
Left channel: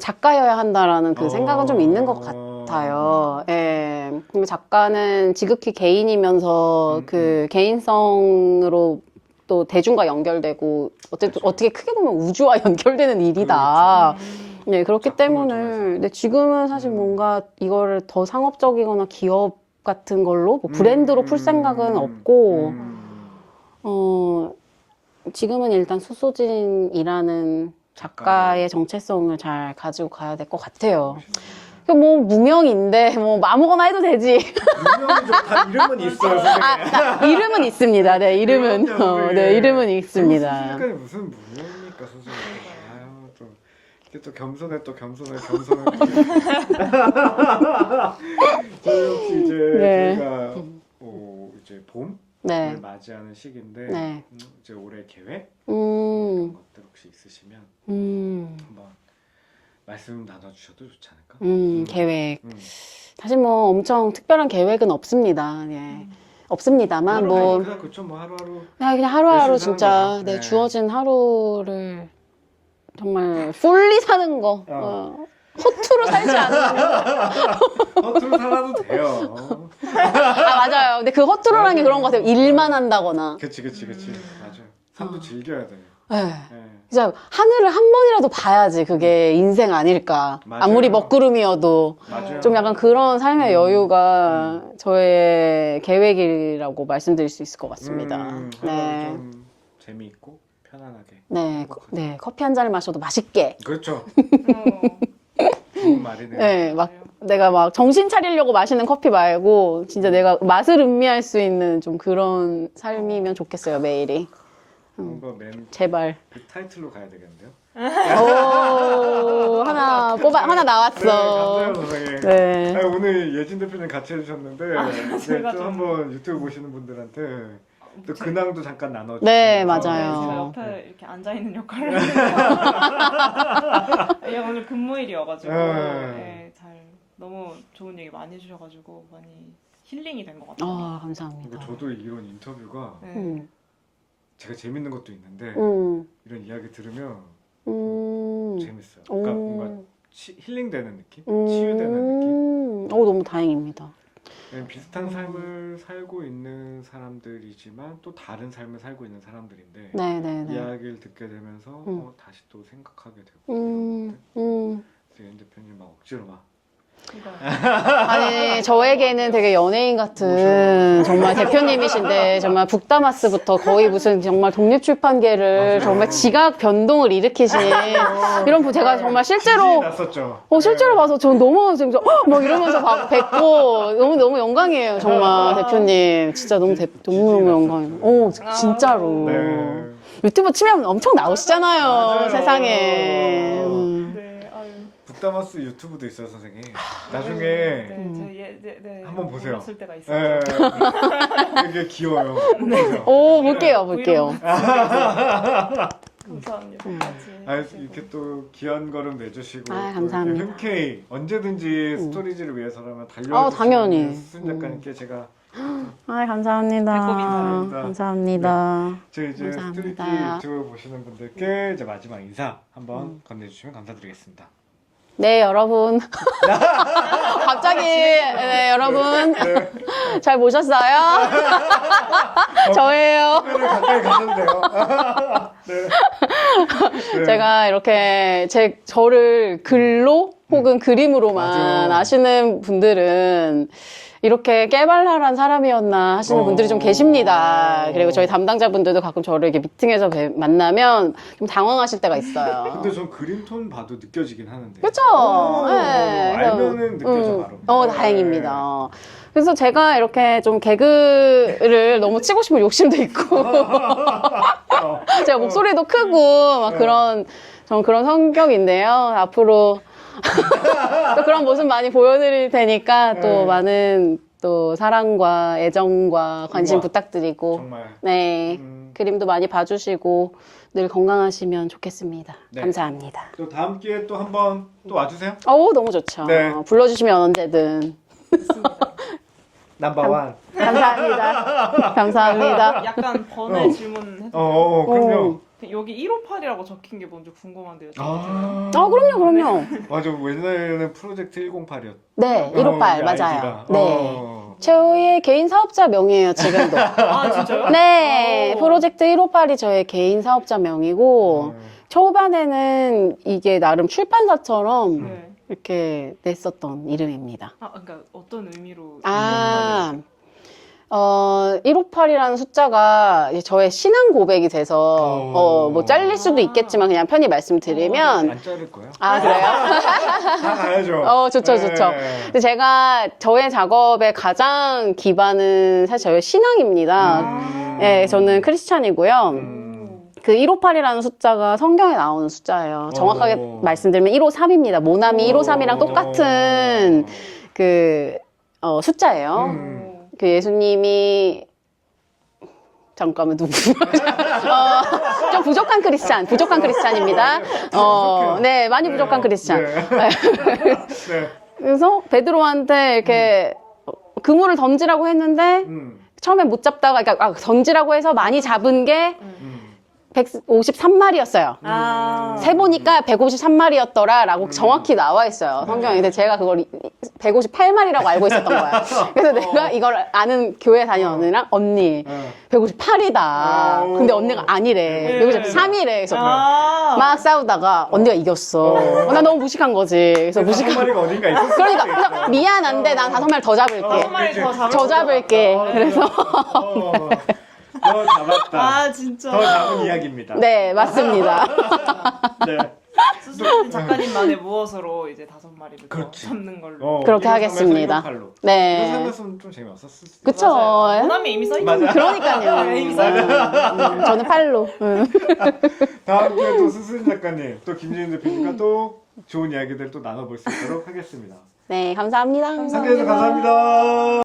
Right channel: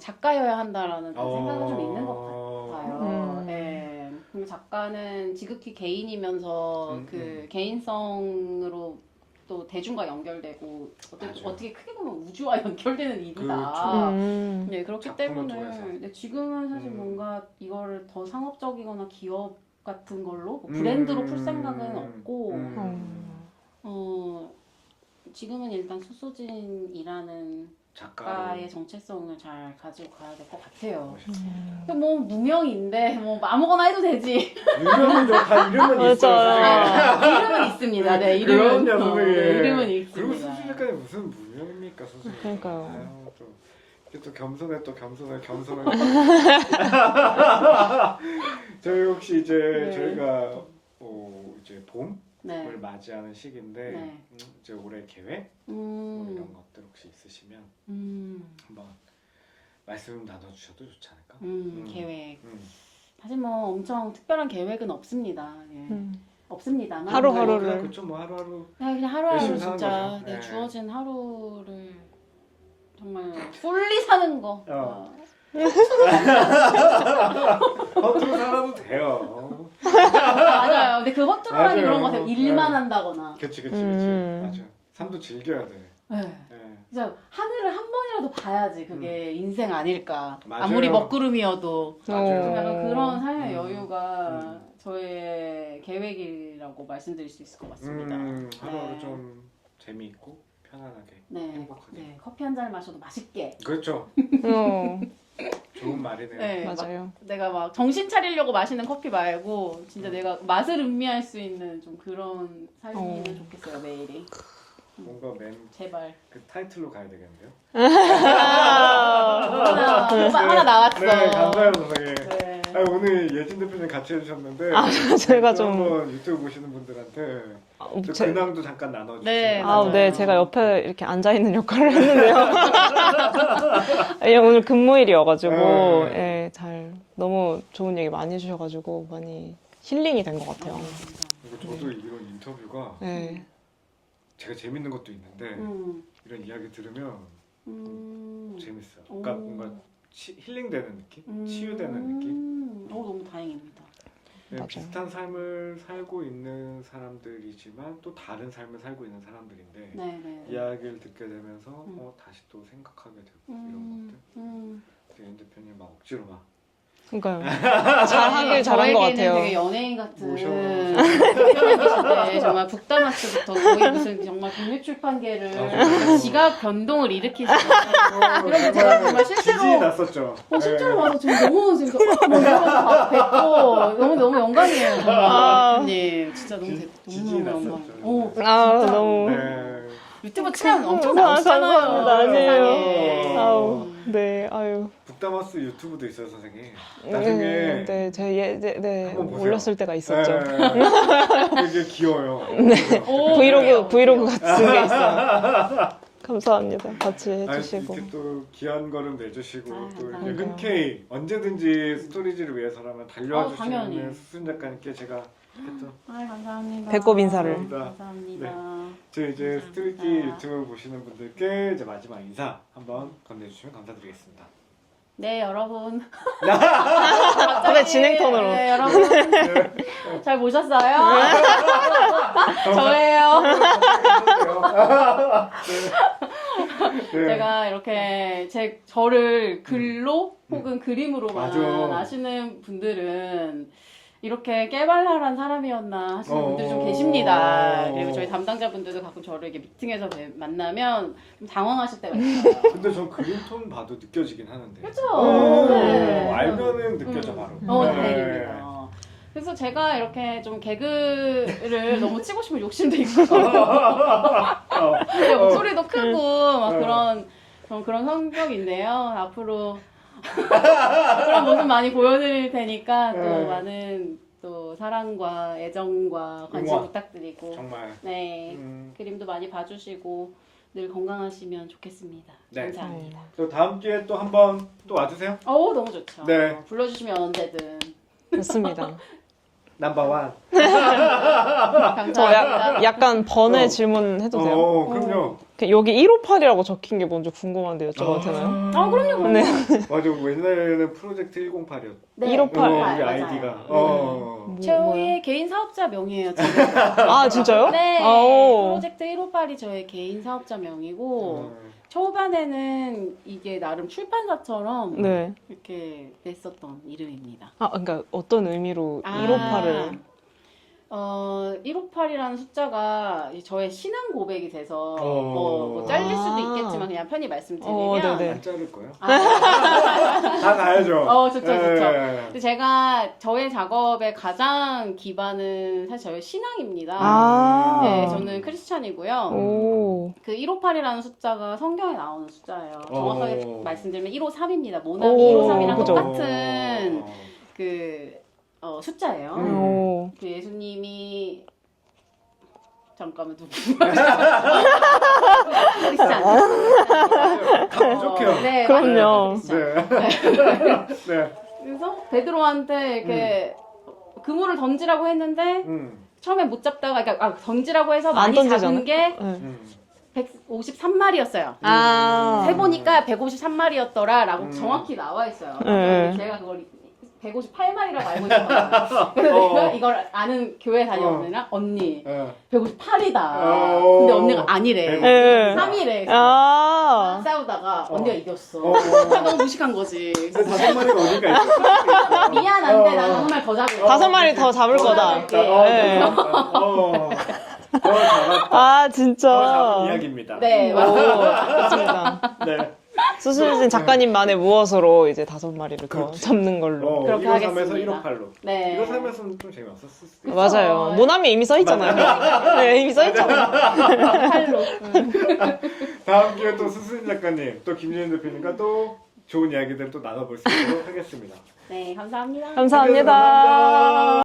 작가여야 한다라는 그 생각은 좀 있는 것 같아요. 예. 그리고 작가는 지극히 개인이면서 그 개인성으로 또 대중과 연결되고 어떻게 크게 보면 우주와 연결되는 일이다. 네, 그렇기 때문에 근데 지금은 사실 뭔가 이거를 더 상업적이거나 기업 같은 걸로 뭐 브랜드로 풀 생각은 없고 지금은 일단 수소진이라는 작가의 정체성을 잘 가지고 가야 될 것 같아요. 그 뭐 무명인데 뭐 아무거나 해도 되지. 이름은 다 이름은 있어요. 선생님. 이름은 있습니다. 네, 이름은 그럼요, 선생님. 네, 이름은 있습니다. 선생님까지 무슨 무명입니까, 선생님? 그러니까요. 아유, 또 겸손해. 저희 혹시 이제 네. 저희가 이제 봄을 네. 맞이하는 시기인데 네. 이제 올해 계획 이런 것들 혹시 있으시면 한번 말씀 나눠주셔도 좋지 않을까? 계획. 사실 뭐 엄청 특별한 계획은 없습니다. 예. 없습니다만 하루하루. 뭐 그렇죠, 뭐 하루하루. 그냥 하루하루 열심히 진짜 사는 거죠. 네, 네. 주어진 하루를 정말 풀리 사는 거. 허투루 살지 않는 허투루 살아도 돼요. 맞아요. 근데 그 허투루라는 게 맞아요. 그런 것 같아요. 일만 한다거나. 그치. 맞아. 삶도 즐겨야 돼. 네. 네. 진짜 하늘을 한 번이라도 봐야지 그게 인생 아닐까. 맞아요. 아무리 먹구름이어도 맞아요. 좀 약간 그런 삶의 여유가 저의 계획이라고 말씀드릴 수 있을 것 같습니다. 하루를 네. 좀 재미있고 편안하게. 네, 네, 커피 한 잔을 마셔도 맛있게. 그렇죠. 어, 좋은 말이네요. 네, 막 맞아요. 내가 막 정신 차리려고 마시는 커피 말고 진짜 내가 맛을 음미할 수 있는 좀 그런 삶이면 좋겠어요, 매일이. 뭔가 맨 제발. 그 타이틀로 가야 되겠는데요? 하나 나왔어. 네, 감사해요, 선생님. 네. 아니, 오늘 예진 대표님 같이 해주셨는데 제가 또 좀- 한번 유튜브 보시는 분들한테 또 근황도 잠깐 나눠주시고 네, 맞아요. 네, 제가 옆에 이렇게 앉아 있는 역할을 했는데요. 예, 오늘 금요일이어가지고 네. 예, 잘 너무 좋은 얘기 많이 해주셔가지고 많이 힐링이 된 것 같아요. 감사합니다. 그리고 저도 이런 인터뷰가 네. 제가 재밌는 것도 있는데 이런 이야기 들으면 재밌어요. 그러니까 뭔가 힐링되는 느낌? 치유되는 느낌? 너무 다행입니다. 네, 비슷한 삶을 살고 있는 사람들이지만 또 다른 삶을 살고 있는 사람들인데 네네네. 이야기를 듣게 되면서 다시 또 생각하게 되고 이런 것들. 예진 대표님 막 억지로 막 그러니까요. 저에게는 되게 연예인 같은 정말 대표님이신데 정말 북다마스부터 거의 무슨 정말 독립출판계를 정말 지각 변동을 일으키신 이런 분 제가 정말 실제로 났었죠. 실제로 봐서 전 너무 진짜 막 이러면서 막 뵙고 너무 영광이에요 정말 대표님 진짜 너무 영광이에요. 진짜로 네. 유튜브 치면 엄청 나오시잖아요 감사합니다. 세상에. 네, 아유. 북다마스 유튜브도 있어요, 선생님. 나중에 네, 네, 한번 보세요. 올렸을 때가 있었죠. 네. 되게 귀여워요. 볼게요. 브이로그 같은 게 있어요. 감사합니다. 같이 해주시고. 이렇게 또 귀한 걸음 내주시고 또 감사합니다. 흔쾌히 언제든지 스토리지를 위해서라면 달려주시는 당연히. 수순 작가님께 제가 감사합니다. 배꼽 인사를. 감사합니다. 저희 이제 감사합니다. 스토리티 유튜브 보시는 분들께 이제 마지막 인사 한번 건네주시면 감사드리겠습니다. 네, 여러분. 갑자기 진행터로. 네, 여러분. 잘 보셨어요? 저예요. 가까이 가셨네요. 네. 제가 이렇게 저를 글로 혹은 그림으로만 맞아. 아시는 분들은 이렇게 깨발랄한 사람이었나 하시는 분들이 좀 계십니다. 그리고 저희 담당자분들도 가끔 저를 이렇게 미팅에서 만나면 좀 당황하실 때가 있어요. 근데 전 그림톤 봐도 느껴지긴 하는데. 그쵸? 네. 알면은 느껴져 바로. 네. 다행입니다. 그래서 제가 이렇게 좀 개그를 너무 치고 싶은 욕심도 있고 제가 목소리도 크고 막 저는 그런 성격인데요. 앞으로 그런 모습 많이 보여드릴 테니까 또 많은 또 사랑과 애정과 관심 우와. 부탁드리고 정말. 네 그림도 많이 봐주시고 늘 건강하시면 좋겠습니다. 네. 감사합니다. 또 다음 기회에 또 한번 또 와주세요. 너무 좋죠. 네. 불러주시면 언제든. 됐습니다. 넘버원. 감사합니다. 감사합니다. 약간 번외 질문 해도 돼요? 그럼요. 여기 158이라고 적힌 게 뭔지 궁금한데 여쭤봐도 되나요? 그럼요. 네. 맞아. 옛날에는 프로젝트 108이었. 네, 158 맞아요. 네. 네. 저의 개인 사업자 명이에요, 지금도. 아, 진짜요? 네, 오. 프로젝트 158이 저의 개인 사업자 명이고, 초반에는 이게 나름 출판사처럼 네. 이렇게 냈었던 이름입니다. 그러니까 어떤 의미로 158을? 158이라는 숫자가 이제 저의 신앙 고백이 돼서, 뭐 잘릴 수도 있겠지만 그냥 편히 말씀드리면. 안 자를 거예요? 아, 그래요? 다 가야죠. 좋죠. 네. 근데 제가 저의 작업의 가장 기반은 사실 저의 신앙입니다. 네, 저는 크리스찬이고요. 오. 그 158이라는 숫자가 성경에 나오는 숫자예요. 정확하게 말씀드리면 153입니다. 모나미 153이랑 그죠. 똑같은 숫자예요. 오. 그 예수님이 잠깐만 누구? 부족한 크리스찬입니다. 네, 많이 부족한 크리스찬. 네. 그래서 베드로한테 이렇게 그물을 던지라고 했는데 처음에 못 잡다가 그러니까 던지라고 해서 많이 던지잖아. 잡은 게 153마리였어요. 세보니까 153마리였더라라고 정확히 나와 있어요. 성경에. 근데 제가 그걸 158마리라고 알고 있었던 거예요. 그래서 내가 이걸 아는 교회 다니는 언니랑 언니 158이다. 근데 언니가 아니래. 153이래. 그래서 막 싸우다가 언니가 이겼어. 나 너무 무식한 거지. 그래서 무식한 마리가 어딘가 있었어. 미안한데 난 5마리 더 잡을게. 5마리 더 잡을 더 거다. 잡을게. 그래서 더 잡았다. 아, 진짜. 더 잡은 이야기입니다. 네, 맞습니다. 맞습니다. 네. 수수진 작가님만의 무엇으로 이제 5마리를 더 잡는 걸로. 그렇게 하겠습니다. 네. 이거 살면서는 좀 재미없었을 수 있어요. 그쵸. 맞아요. 모나미 이미 써있잖아요. 그러니까요. 네, 이미 써있잖아요. 저는 팔로. 다음 기회에 또 수수진 작가님, 또 김진현 대표님과 또 좋은 이야기들 또 나눠볼 수 있도록 하겠습니다. 네, 감사합니다. 감사합니다. 감사합니다.